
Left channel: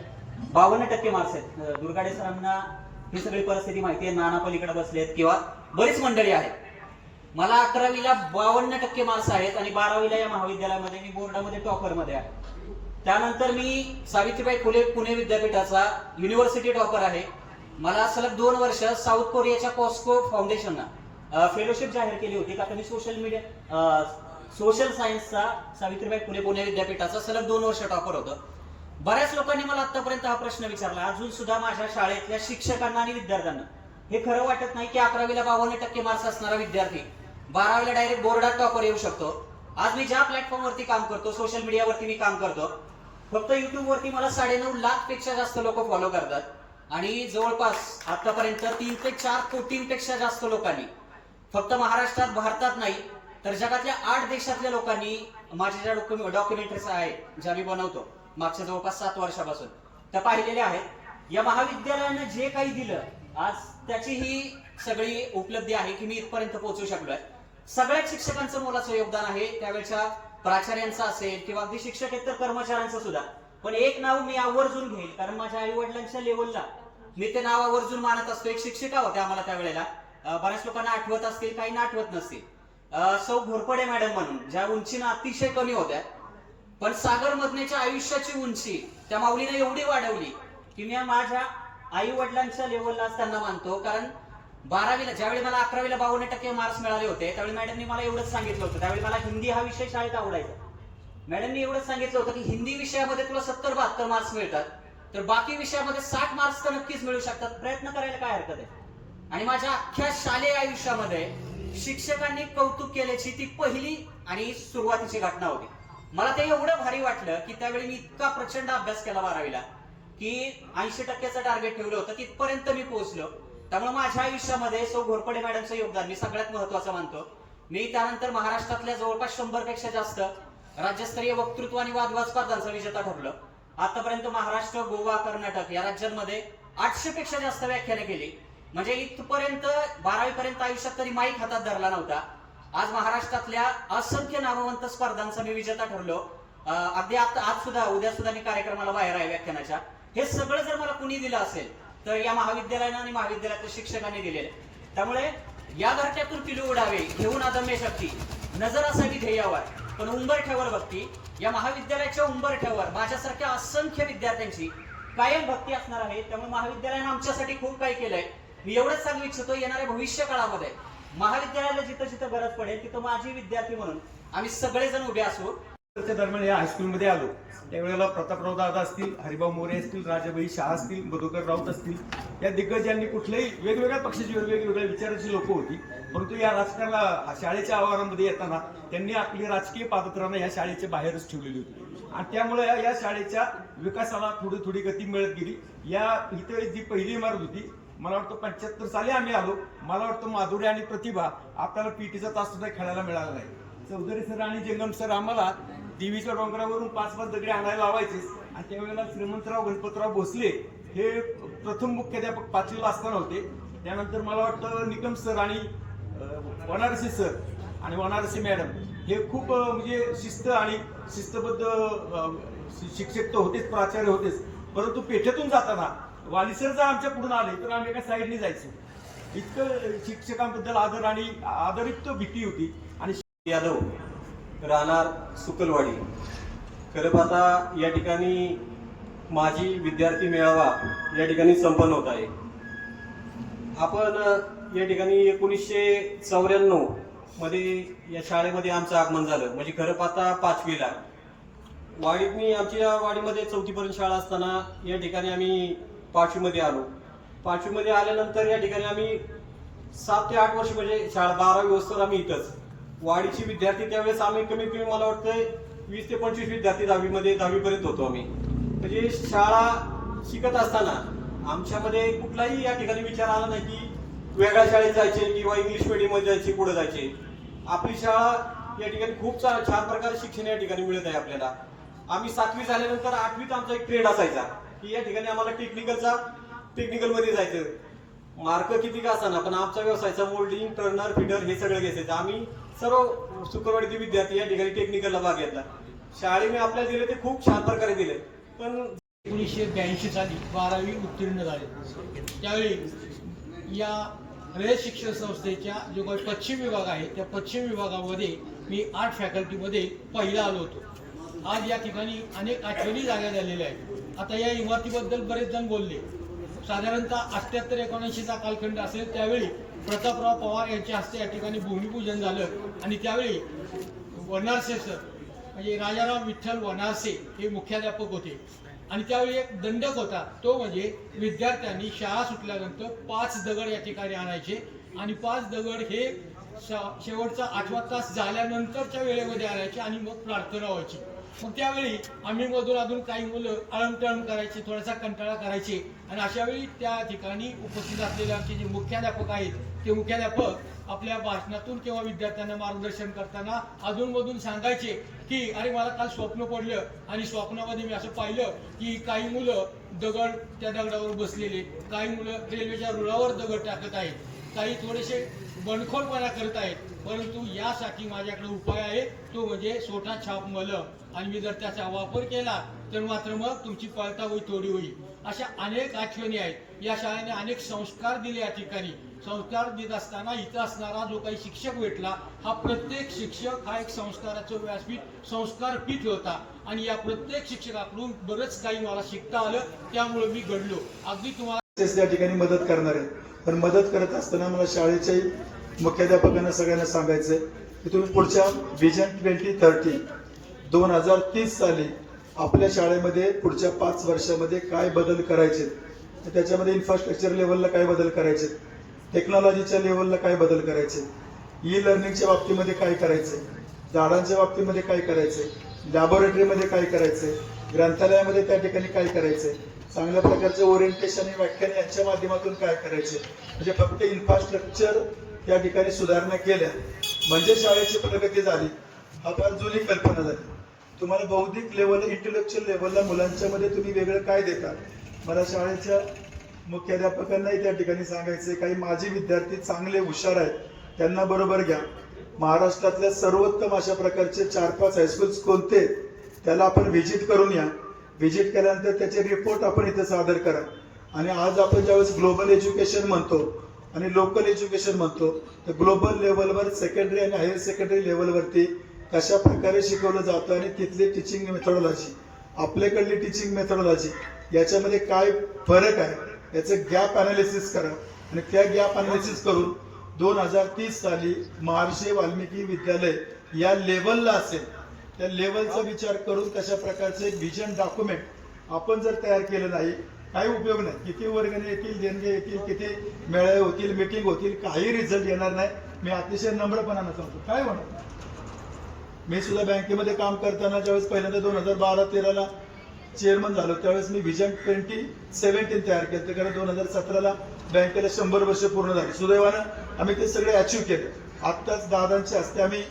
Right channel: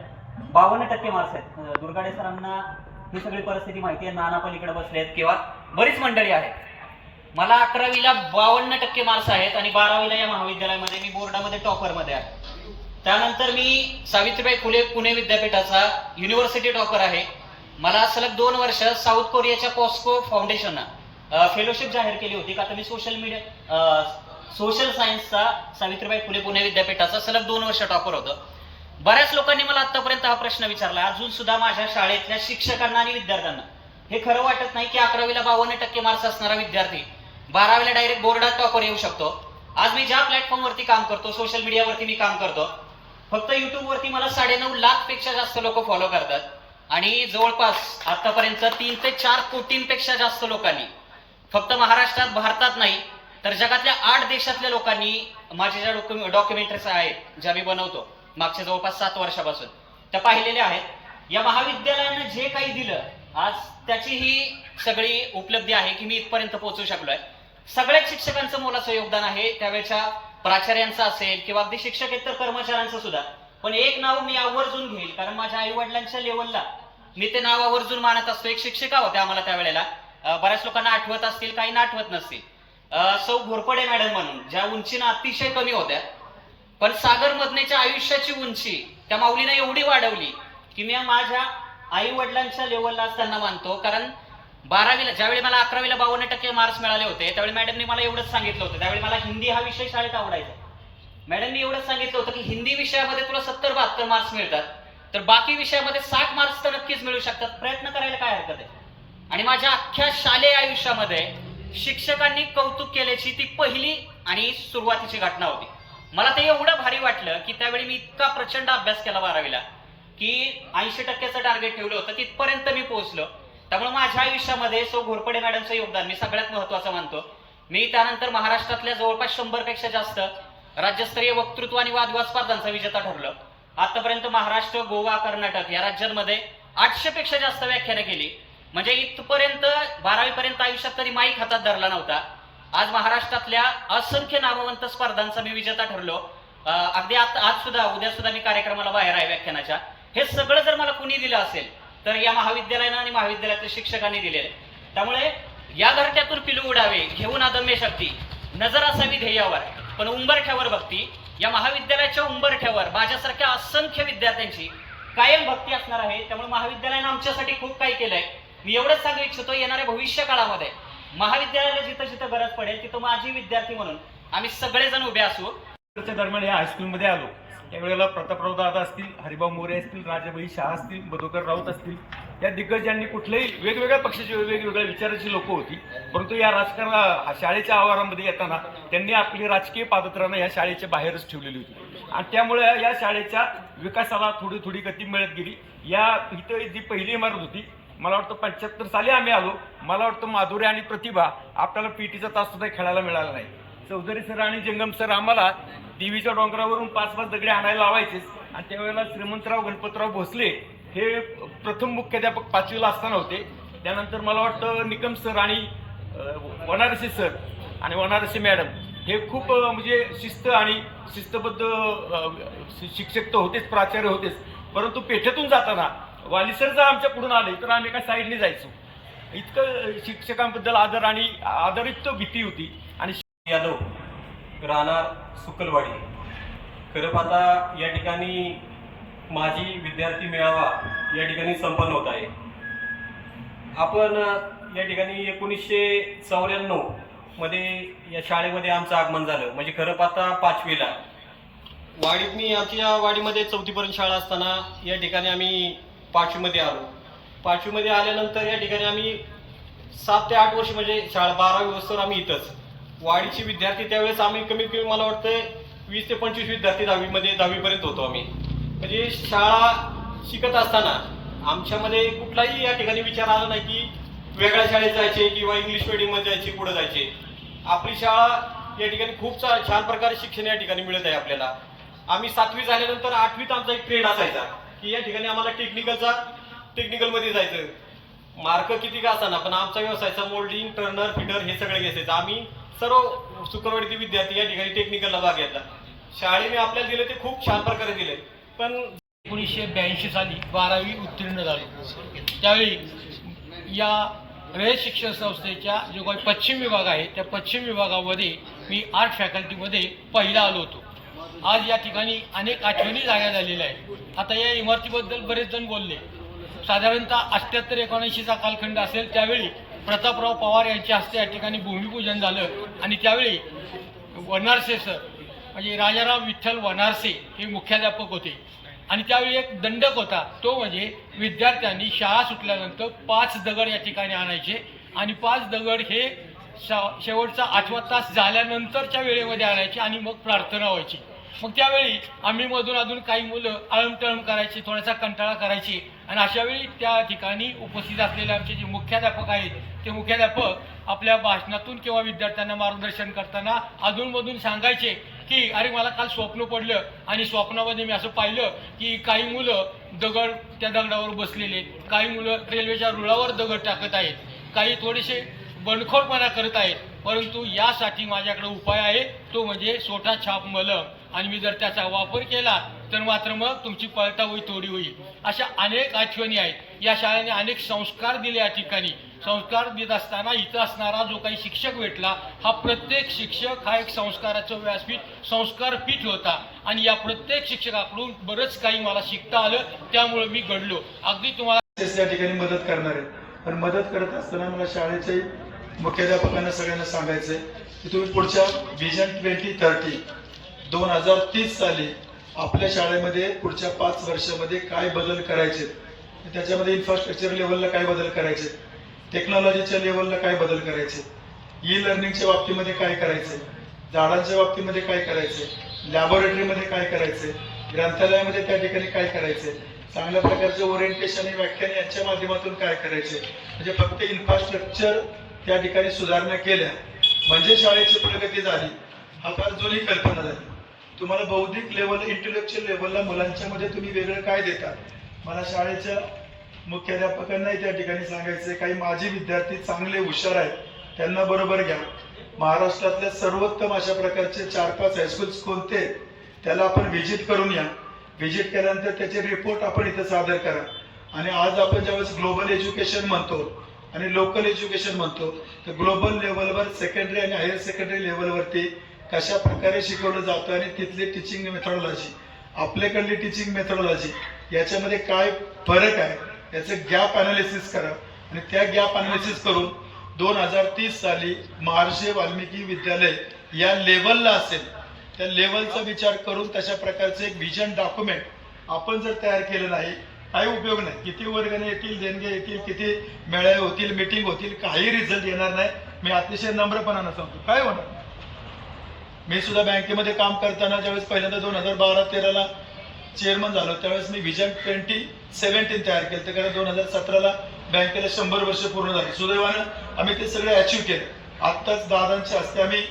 52% मार्क्स आहेत. दुर्गाडे सरांना ही सगळी परिस्थिती माहिती आहे, नाना पलीकडे बसलेत किंवा बरीच मंडळी आहेत. मला 11वीला 52% मार्क्स आहेत आणि 12वीला या महाविद्यालयामध्ये मी बोर्डामध्ये टॉपरमध्ये आहे. त्यानंतर मी सावित्रीबाई फुले पुणे विद्यापीठाचा युनिव्हर्सिटी टॉपर आहे. मला सलग 2 वर्ष साऊथ कोरियाच्या पॉस्को फाउंडेशननं फेलोशिप जाहीर केली होती का तर मी सोशल सायन्सचा सावित्रीबाई फुले पुणे विद्यापीठाचा सलग 2 वर्ष टॉपर होतो. बऱ्याच लोकांनी मला आतापर्यंत हा प्रश्न विचारला, अजून सुद्धा माझ्या शाळेतल्या शिक्षकांना आणि विद्यार्थ्यांना हे खरं वाटत नाही की 11वीला 52% मार्क्स असणारा विद्यार्थी 12वीला डायरेक्ट बोर्डात टॉपर येऊ शकतो. आज मी ज्या प्लॅटफॉर्मवरती काम करतो, सोशल मीडियावरती मी काम करतो, फक्त युट्यूबवरती मला 9.5 लाखपेक्षा जास्त लोक फॉलो करतात आणि जवळपास आतापर्यंत 3 ते 4 कोटींपेक्षा जास्त लोकांनी फक्त महाराष्ट्रात, भारतात नाही तर जगातल्या 8 देशातल्या लोकांनी माझ्या ज्या डॉक्युमेंटरीज आहेत ज्या मी बनवतो मागच्या जवळपास 7 वर्षापासून त्या पाहिलेल्या आहेत. या महाविद्यालयानं जे काही दिलं आज त्याची ही सगळी उपलब्धी आहे की मी इथपर्यंत पोहोचू शकलोय. सगळ्याच शिक्षकांचं मोलाचं योगदान आहे, त्यावेळच्या प्राचार्यांचं असेल किंवा अगदी शिक्षकेतर कर्मचाऱ्यांचं सुद्धा. पण एक नाव मी आवर्जून घेईल कारण माझ्या आई वडिलांच्या लेवलला मी ते नाव आवर्जून मानत असतो. एक शिक्षिका होत्या आम्हाला त्यावेळेला, बऱ्याच लोकांना आठवत असतील, काही ना आठवत नसतील, सौ घोरपडे मॅडम म्हणून, ज्या उंचीनं अतिशय कमी होत्या पण सागर मदनेच्या आयुष्याची उंची त्या माऊलीने एवढी वाढवली की मी माझ्या आई वडिलांच्या लेवलला असताना मानतो. कारण 12वीला ज्यावेळी मला 11वीला 52% मार्क्स मिळाले होते त्यावेळी मॅडमने मला एवढंच सांगितलं होतं, त्यावेळी मला हिंदी हा विषय शाळेत आवडायचा. मॅडमनी एवढंच सांगितलं होतं की हिंदी विषयामध्ये तुला 70-72 मार्क्स मिळतात तर बाकी विषयामध्ये 60 मार्क्स तर नक्कीच मिळू शकतात, प्रयत्न करायला काय हरकत आहे. आणि माझ्या अख्ख्या शालेय आयुष्यामध्ये शिक्षकांनी कौतुक केल्याची ती पहिली आणि सुरुवातीची घटना होती. मला ते एवढं भारी वाटलं की त्यावेळी मी इतका प्रचंड अभ्यास केला 12वीला की 80%चं टार्गेट ठेवलं होतं, तिथपर्यंत मी पोहोचलो. त्यामुळे माझ्या आयुष्यामध्ये सौ घोरपडे मॅडमचं योगदान मी सगळ्यात महत्वाचं मानतो. मी त्यानंतर महाराष्ट्रातल्या जवळपास 100पेक्षा जास्त राज्यस्तरीय वक्तृत्व आणि वादविवाद स्पर्धांचा विजेता ठरलो. आतापर्यंत महाराष्ट्र, गोवा, कर्नाटक या राज्यांमध्ये 800पेक्षा जास्त व्याख्यानं केली. म्हणजे इथपर्यंत 12वीपर्यंत आयुष्यात कधी माईक हातात धरला नव्हता. आज महाराष्ट्रातल्या असंख्य नामवंत स्पर्धांचा मी विजेता ठरलो. अगदी आज सुद्धा, उद्या सुद्धा मी कार्यक्रमाला बाहेर आहे व्याख्यानाच्या. हे सगळं जर मला कुणी दिलं असेल तर या महाविद्यालयानं आणि महाविद्यालयातल्या शिक्षकांनी दिलेले. त्यामुळे या घरट्यातून पिलू उडावे घेऊन अदम्य शक्ती, नजर असावी ध्येयावर पण उंबरठ्यावर भक्ती. या महाविद्यालयाच्या उंबरठ्यावर माझ्यासारख्या असंख्य विद्यार्थ्यांची कायम भक्ती असणार आहे. त्यामुळे महाविद्यालयानं आमच्यासाठी खूप काही केलंय. मी एवढंच सांगू इच्छितो, येणाऱ्या भविष्य काळामध्ये महाविद्यालयाला जिथं जिथं गरज पडेल तिथं माझी विद्यार्थी म्हणून आम्ही सगळेजण उभे असू. दरम्यान या हायस्कूलमध्ये आलो त्यावेळेला प्रतापराव दादा असतील, हरिभाऊ मोरे असतील, राजाबाई शाह असतील, मधुकर राऊत असतील, या दिग्गजांनी कुठल्याही वेगवेगळ्या पक्षाची वेगवेगळ्या विचाराची लोक होती. परंतु या शाळेच्या आवारामध्ये येताना त्यांनी आपली राजकीय पादत्रानं या शाळेच्या बाहेरच ठेवलेली होती आणि त्यामुळे या शाळेच्या विकासाला थोडी थोडी गती मिळत गेली. इथं जी पहिली इमारत होती, मला वाटतं 75 साली आम्ही आलो. मला वाटतं माधुरी आणि प्रतिभा आपल्याला पीटीचा तास सुद्धा खेळायला मिळाला नाही. चौधरी सर आणि जंगम सर आम्हाला देवीच्या डोंगरावरून 5-5 दगडे आणायला लावायचेच आणि त्यावेळेला श्रीमंतराव गणपतराव भोसले हे प्रथम मुख्याध्यापक 5वीला असताना होते. त्यानंतर मला वाटतं निकम सर आणि वनारसी सर आणि वनारसी मॅडम हे खूप म्हणजे शिस्तबद्ध शिक्षक तर होतेच, प्राचार्य होतेच. परंतु पेठेतून जाताना वाली सर जर आमच्या पुढून आले तर आम्ही एका साईडने जायचो. इतकं शिक्षकांबद्दल आदर आणि आदरित भीती होती. आणि यादव, राहणार सुकलवाडी. खरं पाहता या ठिकाणी माझी विद्यार्थी मेळावा या ठिकाणी संपन्न होत आहे. आपण या ठिकाणी 1994 मध्ये या शाळेमध्ये आमचं आगमन झालं. म्हणजे खरं पाहता 5वीला वाडीत मी आमच्या वाडीमध्ये 4थीपर्यंत शाळा असताना या ठिकाणी आम्ही 5वीमध्ये आलो. 5वीमध्ये आल्यानंतर या ठिकाणी आम्ही 7 ते 8 वर्ष म्हणजे शाळा 12वी वर्षावर आम्ही इथंच. वाडीची विद्यार्थी त्यावेळेस आम्ही कमीत कमी मला वाटतं 20 ते 25 विद्यार्थी 10वीपर्यंत होतो आम्ही. म्हणजे शाळा शिकत असताना आमच्यामध्ये कुठलाही या ठिकाणी विचार आला नाही की वेगळ्या शाळेत जायचे किंवा इंग्लिश मीडियममध्ये जायचे, पुढे जायचे. आपली शाळा या ठिकाणी खूप छान प्रकारे शिक्षण या ठिकाणी मिळत आहे आपल्याला. आम्ही 7वी झाल्यानंतर 8वीत आमचा एक ट्रेंड असायचा की या ठिकाणी आम्हाला टेक्निकलमध्ये जायचं. मार्क किती का असताना पण आमचा व्यवसायाचा मोल्डिंग, टर्नर, फिडर हे सगळे घ्यायचं. आम्ही सर्व सुकलवाडीचे विद्यार्थी या ठिकाणी टेक्निकलला भाग घेतला. शाळेने आपल्याला दिले ते खूप छान प्रकारे दिले. पण 1982 साली 12वी उत्तीर्ण झालो. त्यावेळी या रयत शिक्षण संस्थेच्या जो काही पश्चिम विभाग आहे त्या पश्चिम विभागामध्ये मी आर्ट फॅकल्टीमध्ये पहिला आलो होतो. आज या ठिकाणी अनेक आठवणी जाग्या झालेल्या आहेत. आता या इमारतीबद्दल बरेच जण बोलले. साधारणतः 78-79चा कालखंड असेल त्यावेळी प्रतापराव पवार यांच्या हस्ते या ठिकाणी भूमिपूजन झालं आणि त्यावेळी वनारसे सर म्हणजे राजाराम विठ्ठल वनारसे हे मुख्याध्यापक होते आणि त्यावेळी एक दंडक होता, तो म्हणजे विद्यार्थ्यांनी शाळा सुटल्यानंतर 5 दगड या ठिकाणी आणायचे आणि 5 दगड हे शेवटचा 8वा तास झाल्यानंतरच्या वेळेमध्ये आणायचे आणि मग प्रार्थना व्हायची. मग त्यावेळी आम्ही मधून अजून काही मुलं आळमटळम करायची, थोडासा कंटाळा करायची आणि अशा वेळी त्या ठिकाणी उपस्थित असलेले आमचे जे मुख्याध्यापक आहेत ते मुख्याध्यापक आपल्या भाषणातून किंवा विद्यार्थ्यांना मार्गदर्शन करताना अधूनमधून सांगायचे की अरे मला काल स्वप्न पडलं आणि स्वप्नामध्ये मी असं पाहिलं की काही मुलं दगड त्या दगडावर बसलेले, काही मुलं रेल्वेच्या रुळावर दगड टाकत आहेत, काही थोडेसे बंडखोरपणा करत आहेत, परंतु यासाठी माझ्याकडे उपाय आहे, तो म्हणजे सोटा छाप मलम आणि मी जर त्याचा वापर केला तर मात्र मग तुमची पळतावळी थोडी होईल. अशा अनेक आठवणी आहेत. या शाळेने अनेक संस्कार दिले. या ठिकाणी संस्कार देत असताना इथं असणारा जो काही शिक्षक भेटला हा प्रत्येक शिक्षक हा एक संस्काराचं व्यासपीठ, संस्कार पीठ होता आणि या प्रत्येक शिक्षकाकडून बरंच काही मला शिकता आलं, त्यामुळे मी घडलो. अगदी तुम्हाला या ठिकाणी मदत करणार आहे. पण मदत करत असताना मला शाळेच्या मुख्याध्यापकांना सगळ्यांना सांगायचंय की तुम्ही पुढच्या व्हिजन 2030 2030 साली आपल्या शाळेमध्ये पुढच्या 5 वर्षामध्ये काय बदल करायचे, त्याच्यामध्ये इन्फ्रास्ट्रक्चर लेवलला काय बदल करायचे, टेक्नॉलॉजीच्या लेवलला काय बदल करायचे, ई लर्निंगच्या बाबतीमध्ये काय करायचे, झाडांच्या बाबतीमध्ये काय करायचे, लॅबोरेटरीमध्ये काय करायचे, ग्रंथालयामध्ये त्या ठिकाणी काय करायचे, चांगल्या प्रकारचे ओरिएंटेशन आणि व्याख्यान यांच्या माध्यमातून काय करायचे. म्हणजे फक्त इन्फ्रास्ट्रक्चर त्या ठिकाणी सुधारणा केल्या म्हणजे शाळेची प्रगती झाली हा फार जुनी कल्पना झाली. तुम्हाला बौद्धिक लेवल, इंटेलेक्च्युअल लेवलला मुलांच्या मध्ये तुम्ही वेगळं काय देतात. मला शाळेच्या मुख्याध्यापकांनाही त्या ठिकाणी सांगायचंय, काही माझे विद्यार्थी चांगले हुशार आहेत, त्यांना बरोबर घ्या. महाराष्ट्रातल्या सर्वोत्तम अशा प्रकारचे 4-5 हायस्कूल्स कोणते त्याला आपण व्हिजिट करून या. व्हिजिट केल्यानंतर त्याचे रिपोर्ट आपण इथं सादर करा. आणि आज आपण ज्यावेळेस ग्लोबल एज्युकेशन म्हणतो आणि लोकल एज्युकेशन म्हणतो तर ग्लोबल लेवलवर सेकंडरी आणि हायर सेकंडरी लेवलवरती कशा प्रकारे शिकवलं जातं आणि तिथली टीचिंग मेथोडॉलॉजी, आपल्याकडली टीचिंग मेथोडॉलॉजी याच्यामध्ये काय फरक आहे याचं गॅप अनालिसिस करा. आणि त्या गॅप अनालिसिस करून 2030 साली महर्षी वाल्मिकी विद्यालय या लेवलला असेल, त्या लेवलचा विचार करून तशा प्रकारचे एक व्हिजन डॉक्युमेंट आपण जर तयार केलं नाही काही उपयोग नाही. किती वर्गणी येतील, देणगे येतील, किती मेळावे होतील, मीटिंग होतील, काही रिझल्ट येणार नाही. मी अतिशय नम्रपणानं सांगतो काय होणार. मी सुद्धा बँकेमध्ये काम करताना ज्यावेळेस पहिल्यांदा 2012-13ला चेअरमन झालो त्यावेळेस मी व्हिजन 2017 तयार केलं, कारण 2017ला बँकेला 100 वर्ष पूर्ण झाली. सुदैवानं आम्ही ते सगळे अचीव्ह केले. आत्ताच दादांच्या हस्ते आम्ही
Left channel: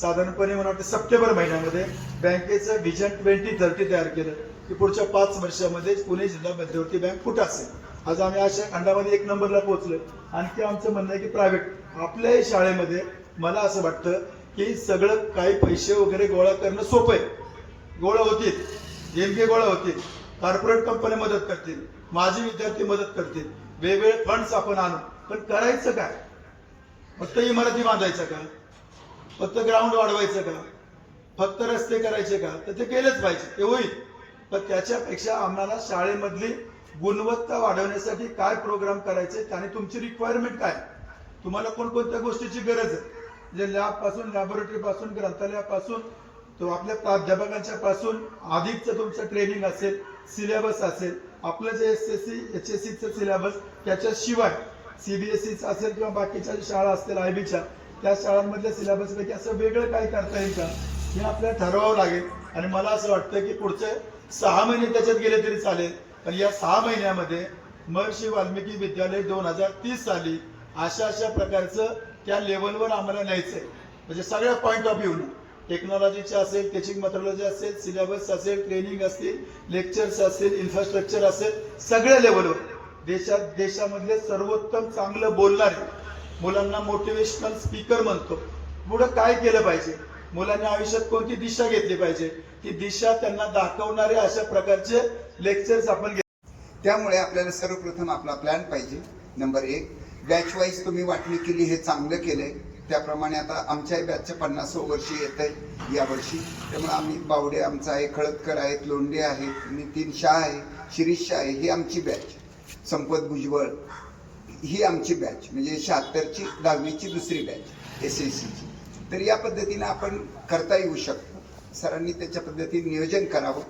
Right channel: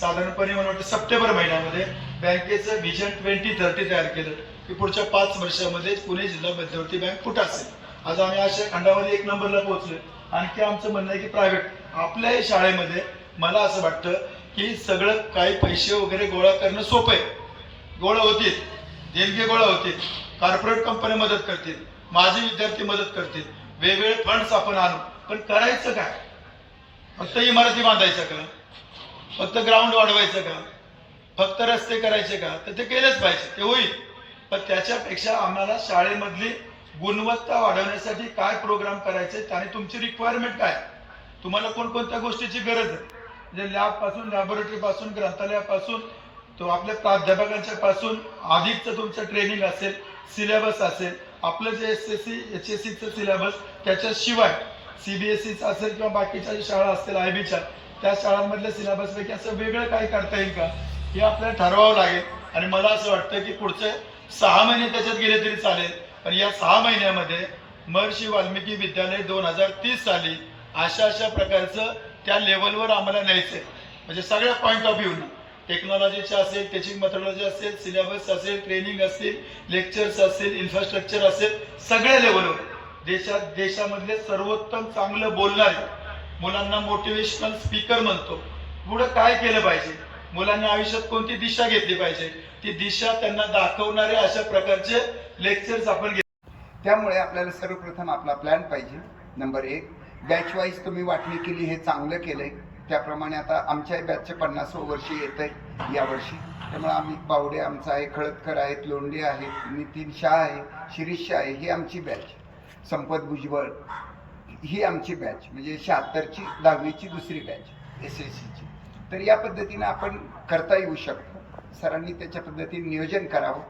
साधारणपणे मला वाटतं सप्टेंबर महिन्यामध्ये बँकेचं व्हिजन 2030 तयार केलं की पुढच्या 5 वर्षामध्ये पुणे जिल्हा मध्यवर्ती बँक कुठं असेल. आज आम्ही अशा खंडामध्ये 1 नंबरला पोहोचलोय. आणखी आमचं म्हणणं आहे की प्रायव्हेट आपल्याही शाळेमध्ये मला असं वाटतं की सगळं काही पैसे वगैरे गोळा करणं सोपं आहे. गोळा होतील, देणगे गोळा होतील, कॉर्पोरेट कंपन्या मदत करतील, माझे विद्यार्थी मदत करतील, वेगवेगळे फंड्स आपण आणू. पण करायचं काय? फक्त इमारती बांधायचं का? फक्त ग्राउंड वाढवायचं का? फक्त रस्ते करायचे का? तर ते केलेच पाहिजे, ते होईल. पण त्याच्यापेक्षा आम्हाला शाळेमधली गुणवत्ता वाढवण्यासाठी काय प्रोग्राम करायचे आणि तुमची रिक्वायरमेंट काय, तुम्हाला कोणकोणत्या गोष्टीची गरज आहे. म्हणजे लॅबपासून, लॅबोरेटरीपासून, ग्रंथालयापासून तो आपल्या प्राध्यापकांच्या पासून अधिकचं तुमचं ट्रेनिंग असेल, सिलेबस असेल, आपलं जे SSC HSCचं सिलेबस, त्याच्याशिवाय CBSEचं असेल किंवा बाकीच्या शाळा असतील IBच्या त्या शाळांमधल्या सिलेबसपैकी असं वेगळं काही करता येईल का हे आपल्याला ठरवावं लागेल. आणि मला असं वाटतं की पुढचे 6 महिने त्याच्यात गेले तरी चालेल, पण या 6 महिन्यामध्ये महर्षी वाल्मिकी विद्यालय 2030 साली अशा प्रकारचं त्या लेवलवर आम्हाला न्यायचंय. म्हणजे सगळ्या पॉईंट ऑफ व्ह्यूनं, टेक्नॉलॉजीच्या असेल, टीचिंग मेथोडॉलॉजी असेल, सिलेबस असेल, ट्रेनिंग असतील, लेक्चर्स असतील, इन्फ्रास्ट्रक्चर असेल, सगळ्या लेवलवर देशामधले सर्वोत्तम चांगलं बोलणारे, मुलांना मोटिवेशनल स्पीकर म्हणतो, पुढं काय केलं पाहिजे, मुलांनी आयुष्यात कोणती दिशा घेतली पाहिजे, ती दिशा त्यांना दाखवणारे अशा प्रकारचे लेक्चर्स आपण त्यामुळे आपल्याला सर्वप्रथम आपला प्लॅन पाहिजे. नंबर 1, बॅच वाईज तुम्ही वाटणी केली, हे चांगलं केलंय. त्याप्रमाणे आता आमच्याही बॅचच्या 50वं वर्षी येत आहे यावर्षी. त्यामुळे आम्ही बावडे आमचा आहे, खळदकर आहेत, लोंढे आहेत, नितीन शाह आहे, शिरीष शाह आहे, ही आमची बॅच. संपत भुजबळ ही आमची बॅच म्हणजे 76ची 10वीची दुसरी बॅच SSCची. तर या पद्धतीनं आपण करता येऊ शकतो. सरांनी त्याच्या पद्धतीने नियोजन करावं,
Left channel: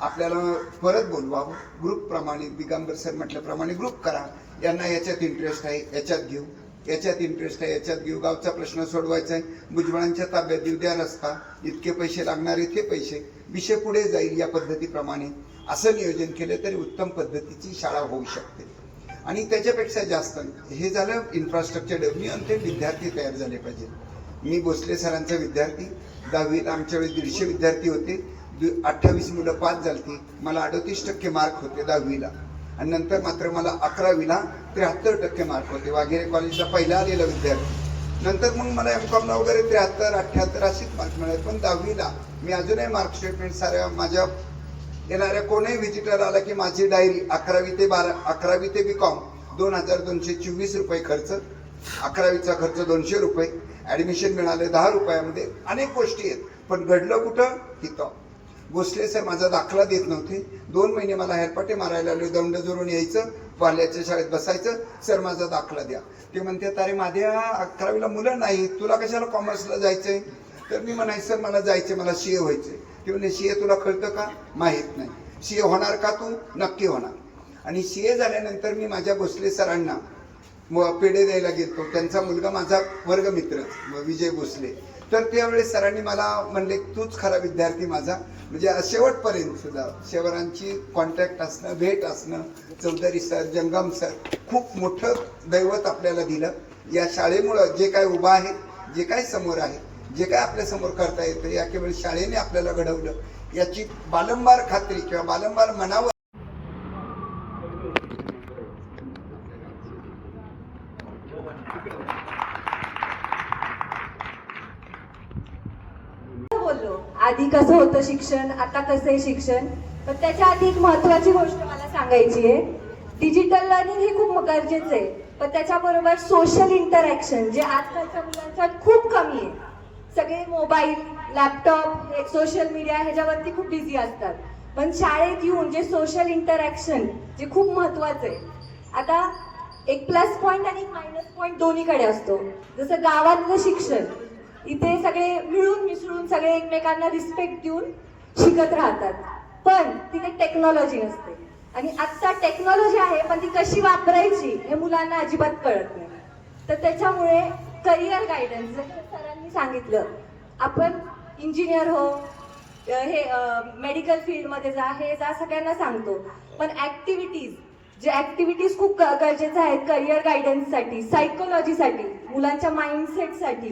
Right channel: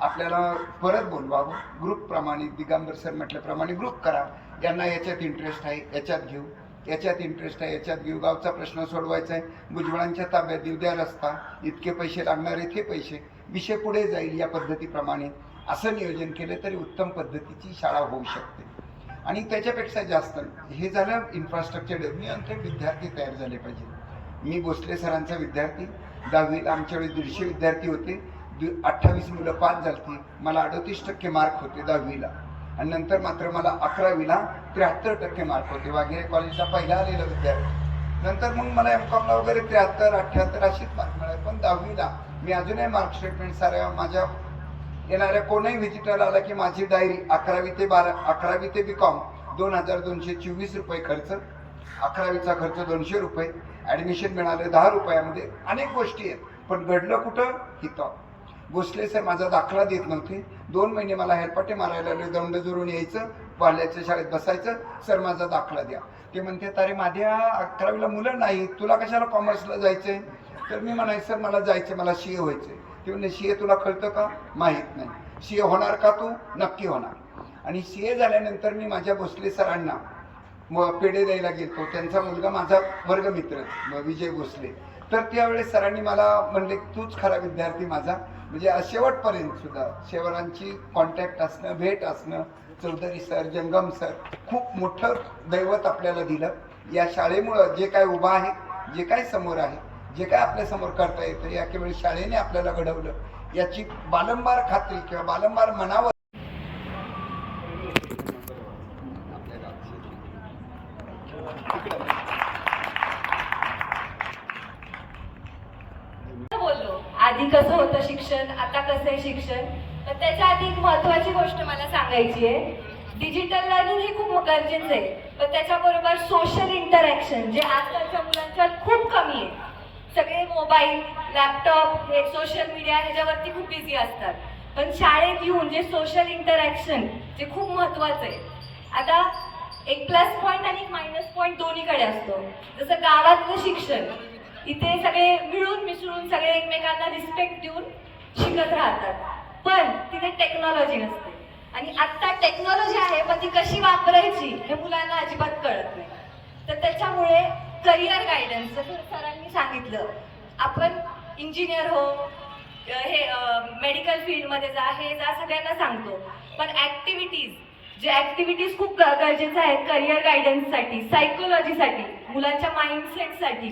आपल्याला परत बोलवावं, ग्रुपप्रमाणे दिगंबर सर म्हटल्याप्रमाणे ग्रुप करा. यांना याच्यात इंटरेस्ट आहे याच्यात घेऊ, याच्यात इंटरेस्ट आहे याच्यात घेऊ, गावचा प्रश्न सोडवायचा आहे, भुजबळांच्या ताब्यात देऊ द्या रस्ता, इतके पैसे लागणार आहेत हे पैसे, विषय पुढे जाईल या पद्धतीप्रमाणे असं नियोजन केलं तरी उत्तम पद्धतीची शाळा होऊ शकते. आणि त्याच्यापेक्षा जास्त हे झालं इन्फ्रास्ट्रक्चर डेव्हलपमेंट आणि ते विद्यार्थी तयार झाले पाहिजे. मी भोसले सरांचा विद्यार्थी, 10वीला आमच्या वेळेस 150 विद्यार्थी होते, 28 मुलं पास झालती, मला 38% मार्क होते 10वीला. आणि नंतर मात्र मला 11वीला 73% मार्क होते, वाघेरे कॉलेजला पहिला आलेला विद्यार्थी. नंतर मग मला MCOMला वगैरे 73, 78 अशीच मार्क मिळाले. पण 10वीला मी अजूनही मार्क स्टेटमेंट साऱ्या माझ्या येणाऱ्या कोणीही व्हिजिटर आला की माझी डायरी 11वी ते BCom 2224 रुपये खर्च, 11वीचा खर्च 200 रुपये, ॲडमिशन मिळालं 10 रुपयामध्ये, अनेक गोष्टी आहेत. पण घडलं कुठं? इथं भोसले सर माझा दाखला देत नव्हते. 2 महिने मला हेरपाटे मारायला लागले, दंड जोरून यायचं, पाल्याच्या शाळेत बसायचं, सर माझा दाखला द्या. ते म्हणते अरे माझ्या 11वीला मुलं नाही, तुला कशाला कॉमर्सला जायचंय? तर मी म्हणायचं सर मला जायचंय, मला CA व्हायचंय. ते म्हणजे CA तुला कळतं का? माहीत नाही. CA होणार का तू? नक्की होणार. आणि CA झाल्यानंतर मी माझ्या भोसले सरांना पेढे द्यायला गेलो. त्यांचा मुलगा माझा वर्गमित्र विजय भोसले. तर त्यावेळेस सरांनी मला म्हणले तूच खरा विद्यार्थी माझा, म्हणजे शेवटपर्यंत सुद्धा शेवरांची कॉन्टॅक्ट असणं, भेट असणं, चौधरी सर, जंगम सर खूप मोठं दैवत आपल्याला दिलं. या शाळेमुळं जे काय उभं आहे, जे काय समोर आहे, जे काय आपल्यासमोर करता येतं, या केवळ शाळेने आपल्याला घडवलं याची बारंबार खात्री किंवा बारंबार मनावर बोललो. आधी कसं होतं शिक्षण, आता कसं आहे शिक्षण. पण त्याच्या आधी एक महत्वाची गोष्ट मला सांगायची आहे. डिजिटल लर्निंग हे खूप गरजेचं आहे, पण त्याच्याबरोबर सोशल इंटरॅक्शन जे आजकालच्या मुलांच्यात खूप कमी आहे. सगळे मोबाईल, लॅपटॉप, हे सोशल मीडिया ह्याच्यावरती खूप बिझी असतात. पण शाळेत येऊन जे सोशल इंटरॅक्शन जे खूप महत्वाचं आहे. आता एक प्लस पॉईंट आणि मायनस पॉईंट दोन्हीकडे असतो. जसं गावातलं शिक्षण, इथे सगळे मिळून मिसळून सगळे एकमेकांना रिस्पेक्ट देऊन शिकत राहतात, पण तिथे टेक्नॉलॉजी नसते. आणि आता टेक्नॉलॉजी आहे पण ती कशी वापरायची हे मुलांना अजिबात कळत नाही. तर त्याच्यामुळे करिअर गायडन्स जसं सरांनी सांगितलं, आपण इंजिनियर हो, हे मेडिकल फील्डमध्ये जा, हे जा सगळ्यांना सांगतो. पण जे ऍक्टिव्हिटीज खूप गरजेच्या आहेत करिअर गायडन्ससाठी, सायकोलॉजीसाठी, मुलांच्या माइंडसेटसाठी,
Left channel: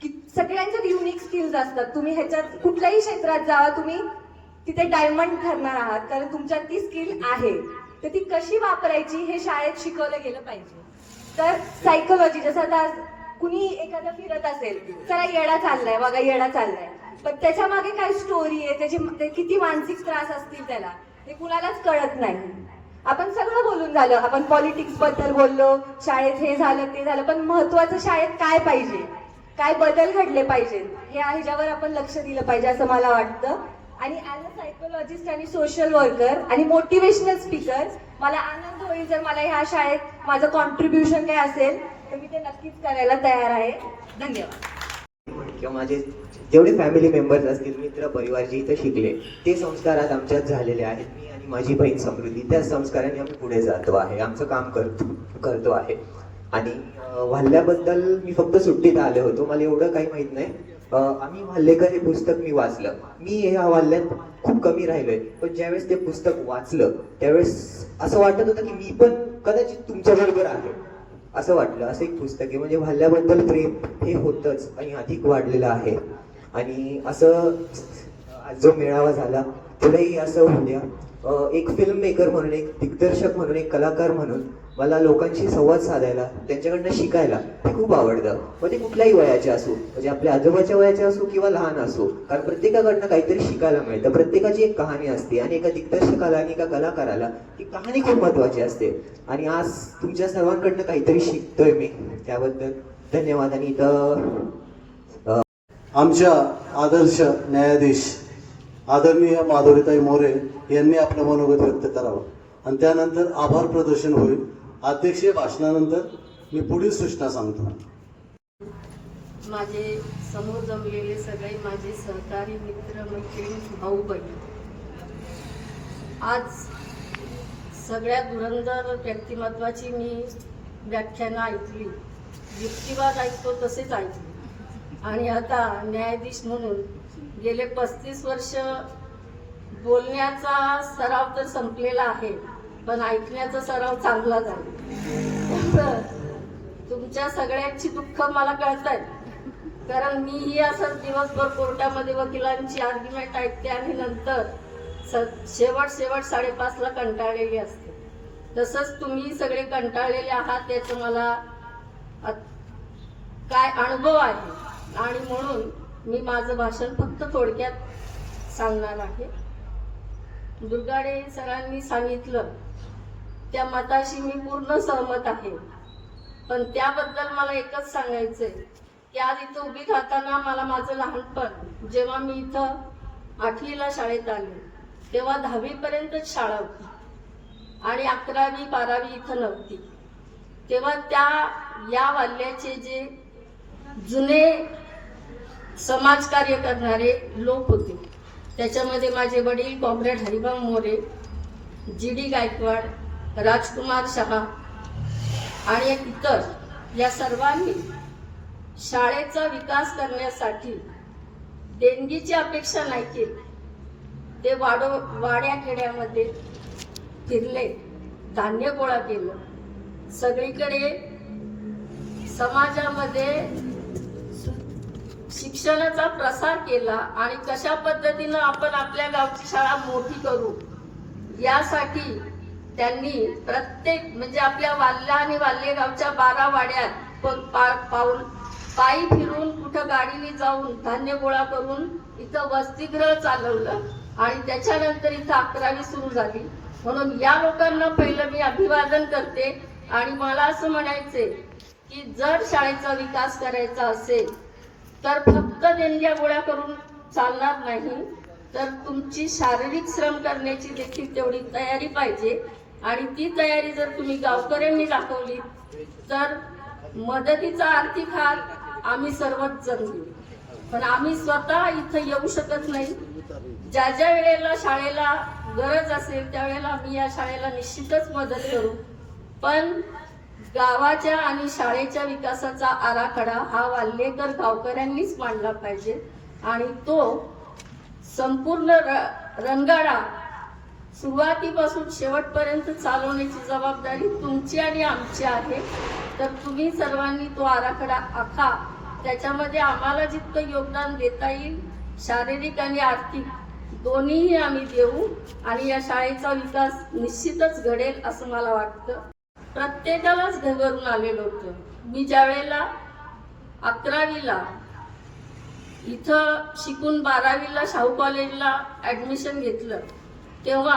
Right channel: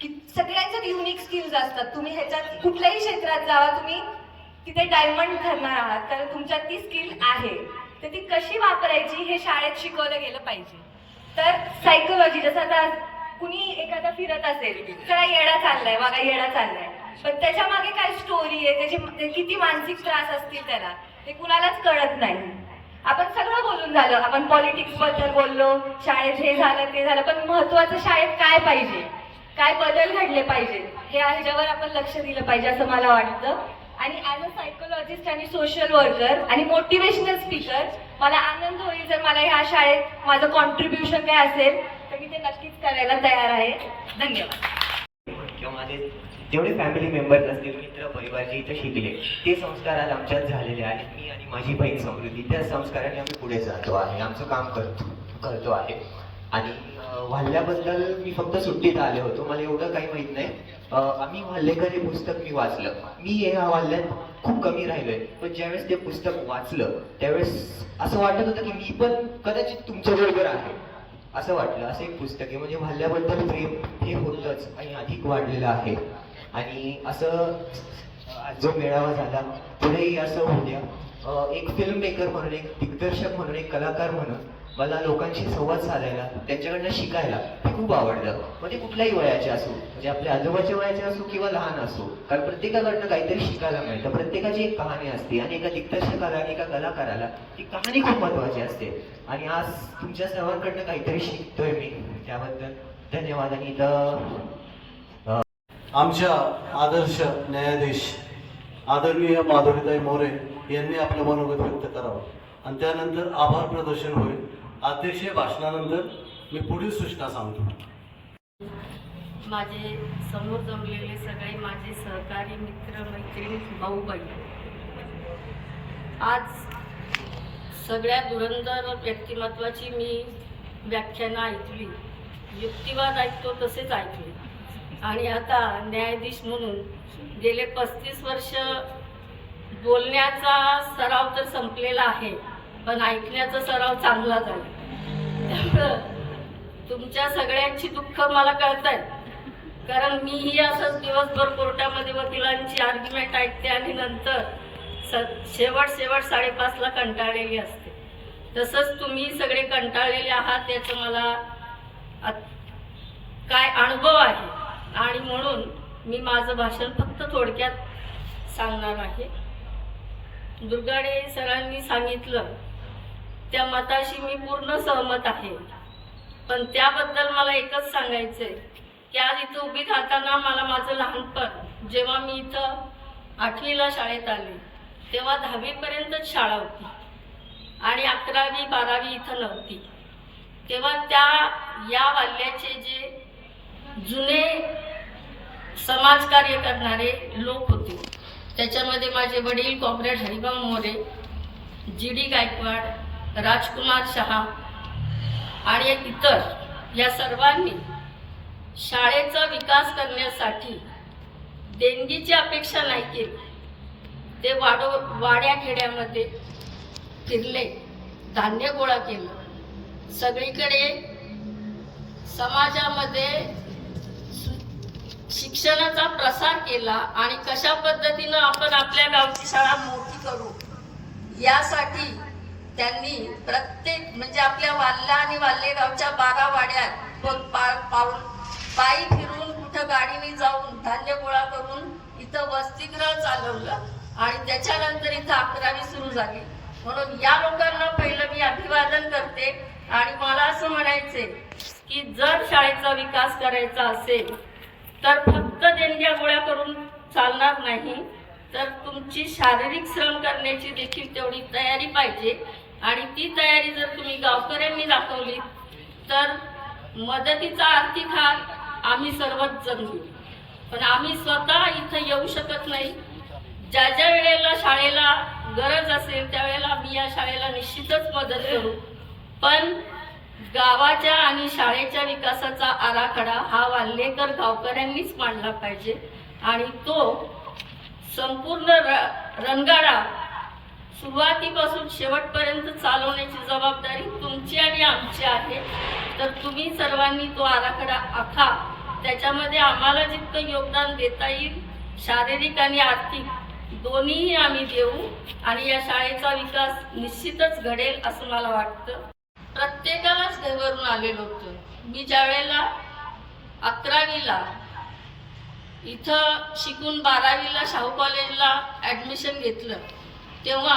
की सगळ्यांच्यात युनिक स्किल्स असतात. तुम्ही ह्याच्यात कुठल्याही क्षेत्रात जावा, तुम्ही तिथे डायमंड ठरणार आहात, कारण तुमच्यात ती स्किल आहे. तर ती कशी वापरायची हे शाळेत शिकवलं गेलं पाहिजे. तर सायकोलॉजी, जसं आता कुणी एखादा फिरत असेल, त्याला येडा चाललाय, बघा येडा चाललाय, पण त्याच्या मागे काय स्टोरी आहे, त्याची किती मानसिक त्रास असतील त्याला, हे कुणालाच कळत नाही. आपण सगळं बोलून झालं, आपण पॉलिटिक्स बद्दल बोललो, शाळेत हे झालं ते झालं, पण महत्वाचं शाळेत काय पाहिजे, काय बदल घडले पाहिजेत, ह्याच्यावर आपण लक्ष दिलं पाहिजे असं मला वाटतं. आणि ॲज अ सायकोलॉजिस्ट आणि सोशल वर्कर आणि मोटिवेशनल स्पीकर मला आनंद होईल जर मला ह्या शाळेत माझं कॉन्ट्रीब्युशन काय असेल तर मी ते नक्कीच करायला तयार आहे. धन्यवाद. किंवा माझे जेवढे फॅमिली मेंबर्स असतील, मित्र परिवार जे इथं शिकले, ते संस्कार आज आमच्यात झालेले आहेत. मी आणि माझी बहीण समृद्धी त्या संस्काराने आम्ही पुढे जातो आहे, आमचं काम करतो आहे. आणि वाल्ल्याबद्दल मी फक्त सुट्टीत आले होतो, मला एवढं काही माहित नाही. आम्ही वाल्हेकर हे पुस्तक मी वाचलं. मी या वाल्ह्यात खूप कमी राहिलोय, पण ज्यावेळेस ते पुस्तक वाचलं त्यावेळेस असं वाटत होतं की मी पण कदाचित तुमच्या बरोबर आहे असं वाटलं. असं एक पुस्तक आहे. म्हणजे वाल्ह्याबद्दल प्रेम हे होतंच आणि अधिक वाढलेलं आहे. आणि असं जो मेळावा झाला पुढेही असं होऊ द्या. एक फिल्म मेकर म्हणून, एक दिग्दर्शक म्हणून, एक कलाकार म्हणून मला लोकांशी संवाद साधायला, त्यांच्याकडनं शिकायला हे खूप आवडतं. म्हणजे कुठल्याही वयाचे असो, म्हणजे आपल्या आजोबाच्या वयाचे असो किंवा लहान असो, कारण प्रत्येकाकडनं काहीतरी शिकायला मिळतं. प्रत्येकाची एक कहाणी असते आणि एका दिग्दर्शकाला आणि एका कलाकाराला ती कहाणी खूप महत्वाची असते. आणि आज तुमच्या सर्वांकडनं काहीतरी शिकतोय मी, त्याबद्दल धन्यवाद. आणि इथं आमच्या आदर्श न्यायाधीश आदरणीय माधुरीताई मोरे यांनी आपलं मनोगत व्यक्त करावं आणि त्यानंतर आभार प्रदर्शन होईल अध्यक्षीय भाषणानंतर मी पुढील सूचना सांगतो. माझे समोर जमलेले सगळे माझे सहकारी मित्र मैत्रिणी भाऊ बहीण, आज सगळ्या धुरंधर व्यक्तिमत्वाची मी व्याख्यानं ऐकली, युक्तिवाद ऐकतो तसेच ऐकले. आणि आता न्यायाधीश म्हणून गेले 35 वर्ष बोलण्याचा सराव तर संपलेला आहे, पण ऐकण्याचा सराव चांगला झाला. तुमच्या सगळ्यांची दुःख मला कळत आहे, कारण मीही असंच दिवसभर कोर्टामध्ये वकिलांची आर्ग्युमेंट ऐकते आणि नंतर शेवट 5:30ला कंटाळलेली असते. तसंच तुम्ही सगळे कंटाळलेले आहात याचा मला काय अनुभव आहे, आणि म्हणून मी माझं भाषण फक्त थोडक्यात सांगणार आहे. दुर्गाडे सरांनी सांगितलं त्या मताशी मी पूर्ण सहमत आहे, पण त्याबद्दल मला एकच सांगायचंय की आज इथं उभी राहताना मला माझं लहानपण, जेव्हा मी इथं 8वीला शाळेत आले तेव्हा 10वीपर्यंतच शाळा होती आणि 11वी 12वी इथं नव्हती. तेव्हा या वाल्याचे जे जुने समाजकार्य करणारे लोक होते, त्याच्यामध्ये माझे वडील कॉम्रेड हरिभाऊ मोरे, GD गायकवाड, राजकुमार शहा आणि इतर, या सर्वांनी शाळेचा विकास करण्यासाठी देणगीची अपेक्षा नाही केली. ते वाड्या खेड्यामध्ये फिरले, धान्य गोळा केलं, सगळीकडे समाजामध्ये शिक्षणाचा प्रसार केला आणि कशा पद्धतीनं आपण आपल्या गावची शाळा मोठी करू यासाठी त्यांनी प्रत्येक, म्हणजे आपल्या वाल्ला आणि वाल्ले गावच्या 12 वाड्यात पायी फिरून, कुठं गाडीने जाऊन धान्य गोळा करून इथं वसतिगृह चालवलं आणि त्याच्यानंतर इथं 11वी सुरू झाली. म्हणून या लोकांना पहिलं मी अभिवादन करते. आणि मला असं म्हणायचंय की जर शाळेचा विकास करायचा असेल तर फक्त देणग्या गोळा करून चालणार नाही, तर तुमची शारीरिक श्रम करण्याची देखील तेवढी तयारी पाहिजे. आणि ती तयारी जर तुम्ही गावकऱ्यांनी दाखवली तर मदतीचा आर्थिक हात आम्ही सर्वच जण देऊ, पण आम्ही स्वतः इथं येऊ शकत नाही. ज्या ज्या वेळेला शाळेला गरज असेल त्यावेळेला आम्ही या शाळेला निश्चितच मदत करू, पण गावाच्या आणि शाळेच्या विकासाचा आराखडा हा वाल्हेकर गावकऱ्यांनीच मांडला पाहिजे आणि तो संपूर्ण रंगाळा सुरुवातीपासून शेवटपर्यंत चालवण्याची जबाबदारी तुमची आणि आमची आहे. तर तुम्ही सर्वांनी तो आराखडा आखा, त्याच्यामध्ये आम्हाला जितकं योगदान देता येईल शारीरिक आणि आर्थिक दोन्हीही आम्ही देऊ आणि या शाळेचा विकास निश्चितच घडेल असं मला वाटतं. प्रत्येकालाच घरवरून आलेलं होतं. मी ज्या वेळेला 11वीला इथं शिकून 12वीला शाहू कॉलेजला ॲडमिशन घेतलं तेव्हा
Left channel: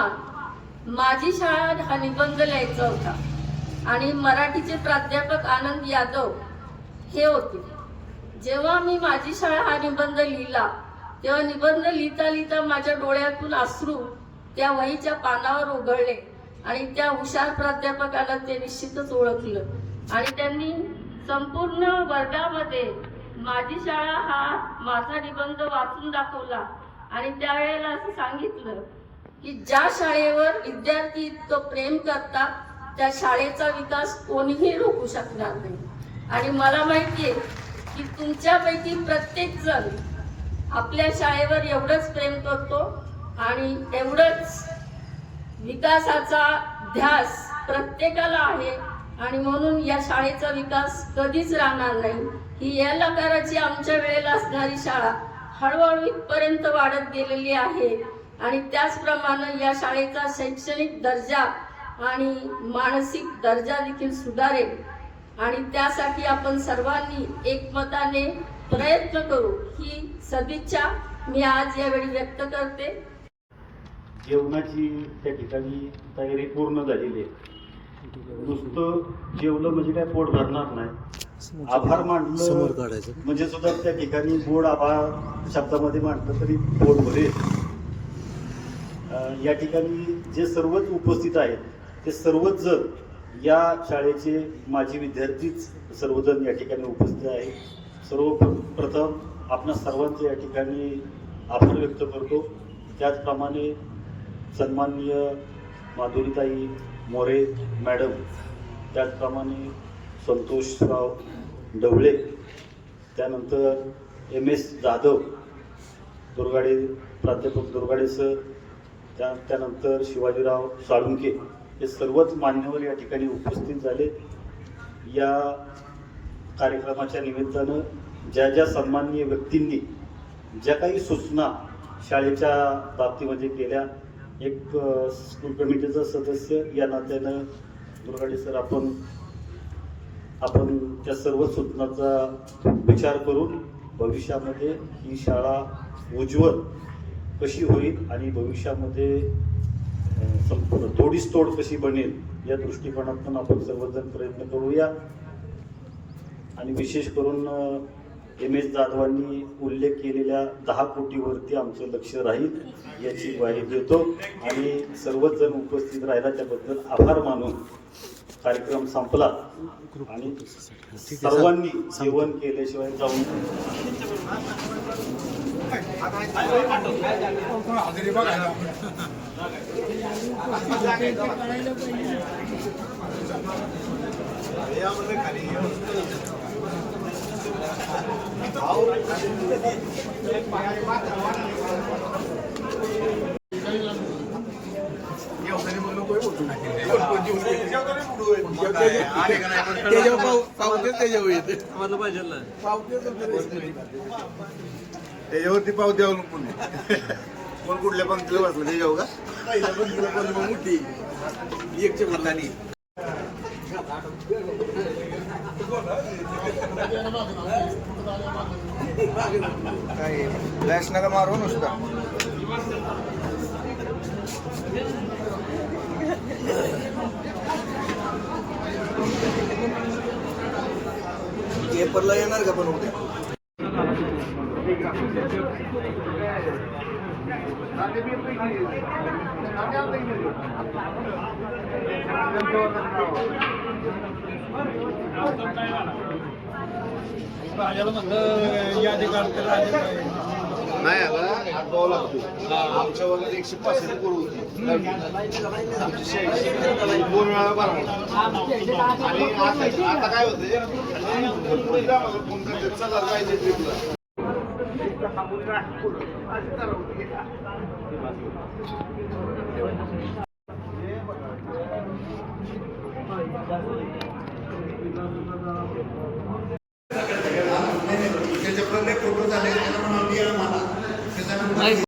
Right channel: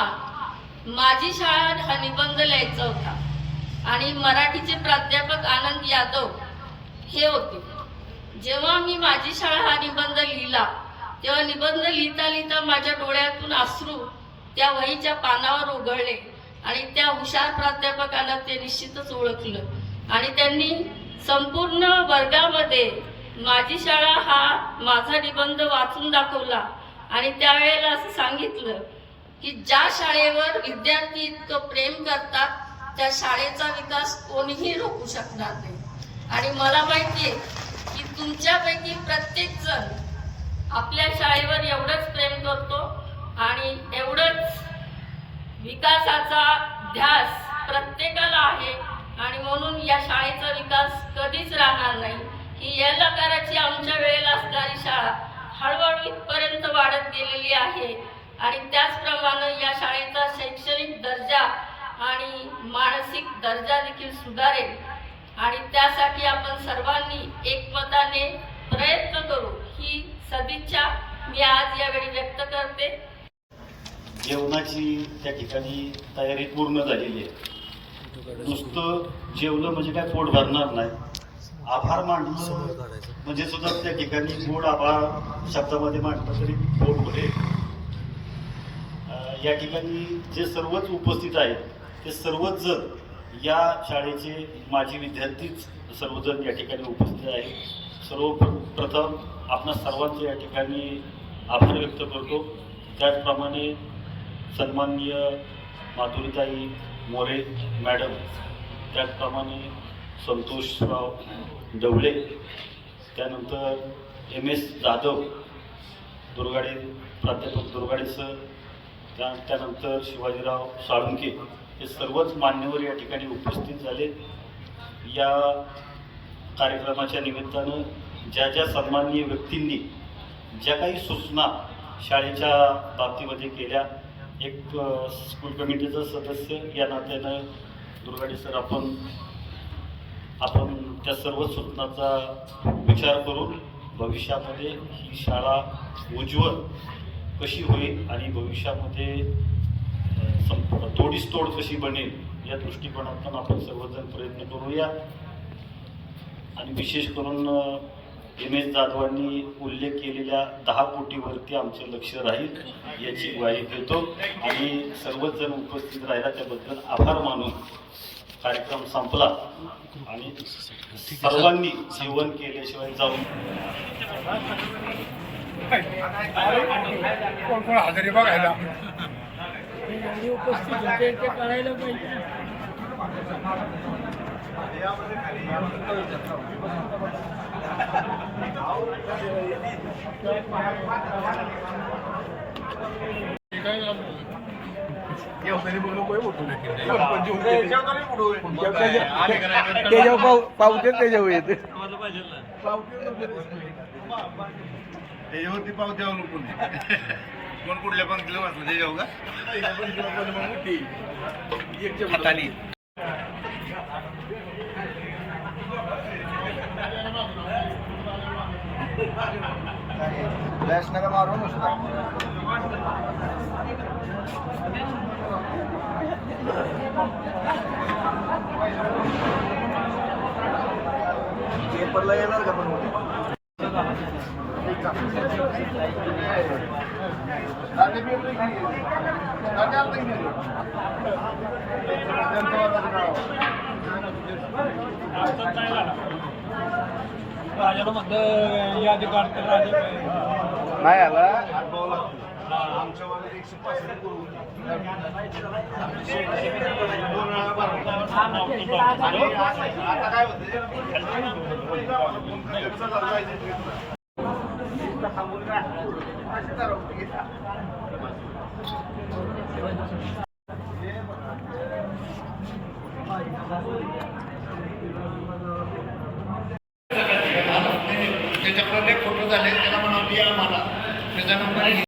माझी शाळा हा निबंध लिहायचा होता आणि मराठीचे प्राध्यापक आनंद यादव हे होते. जेव्हा मी माझी शाळा हा निबंध लिहिला तेव्हा निबंध लिहिता लिहिता माझ्या डोळ्यातून अश्रू त्या वहीच्या पानावर उघळले आणि त्या हुशार प्राध्यापकाला ते निश्चितच ओळखलं आणि त्यांनी संपूर्ण वर्गामध्ये माझी शाळा हा माझा निबंध वाचून दाखवला आणि त्यावेळेला असं सांगितलं की ज्या शाळेवर विद्यार्थी तो प्रेम करतात त्या शाळेचा विकास कोणीही रोखू शकणार नाही. आणि मला माहिती आहे की तुमच्यापैकी प्रत्येक जण आपल्या शाळेवर एवढंच प्रेम करतो आणि एवढंच विकासाचा ध्यास प्रत्येकाला आहे आणि म्हणून या शाळेचा विकास कधीच राहणार नाही. ही या लकाराची आमच्या वेळेला असणारी शाळा हळूहळू इथपर्यंत वाढत गेलेली आहे आणि त्याचप्रमाणे या शाळेचा शैक्षणिक दर्जा आणि मानसिक दर्जा देखील सुधारेल आणि त्यासाठी आपण सर्वांनी एकमताने प्रयत्न करू ही सदिच्छा मी आज यावेळी व्यक्त करते. जेवणाची त्या ठिकाणी तयारी पूर्ण झालेली आहे. नुसतं जेवलं म्हणजे काय पोट भरणार नाही. आभार मांडलं म्हणजे सुद्धा त्या ठिकाणी गोड आभार शब्दामध्ये मांडलं तरी पोट भरेल. या ठिकाणी जे सर्वच उपस्थित आहेत ते सर्वच जण या शाळेचे माजी विद्यार्थीच सर्वजण या ठिकाणी उपस्थित आहे. प्रथम आपणा सर्वांचे या ठिकाणी आभार व्यक्त करतो. त्याचप्रमाणे सन्माननीय माधुरीताई मोरे मॅडम, त्याचप्रमाणे संतोषराव ढवळे, त्यानंतर MS जाधव दुर्गाडे, प्राध्यापक दुर्गाडे सर, त्यानंतर शिवाजीराव साळुंके, हे सर्वच मान्यवर या ठिकाणी उपस्थित झाले. या कार्यक्रमाच्या निमित्तानं ज्या ज्या सन्माननीय व्यक्तींनी ज्या काही सूचना शाळेच्या बाबतीमध्ये केल्या, एक स्कूल कमिटीचं सदस्य या नात्यानं दुर्गाडे सर आपण त्या सर्व सूचनांचा विचार करून भविष्यामध्ये ही शाळा उज्ज्वल कशी होईल आणि भविष्यामध्ये तोडीस तोड कशी बनेल या दृष्टिकोनातून आपण सर्वजण प्रयत्न करूया. आणि विशेष करून MS जाधवांनी उल्लेख केलेल्या 10 कोटीवरती आमचे लक्ष राहील याची ग्वाही देतो आणि सर्वच जण उपस्थित राहिला त्याबद्दल आभार मानून कार्यक्रम संपला. आणि सर्वांनी जेवण केल्याशिवाय जाऊन कोण हजेरी बघायला कळायला पाहिजे ना. त्याच्यावरती पाव द्यावं कोण कुठल्या पंक्तीला वाचलं त्याच्यावर का हाताने गॅस नका मारू नुसता. पेपरला येणार का पण राजाला म्हणलं यादी काढतो नाही आला हातभाव लागतो. आमच्या वगैरे 165 करून आता काय होते त्याच्याप्रमाणे फोटो झाले त्याला म्हणावं मला त्याचा नंबर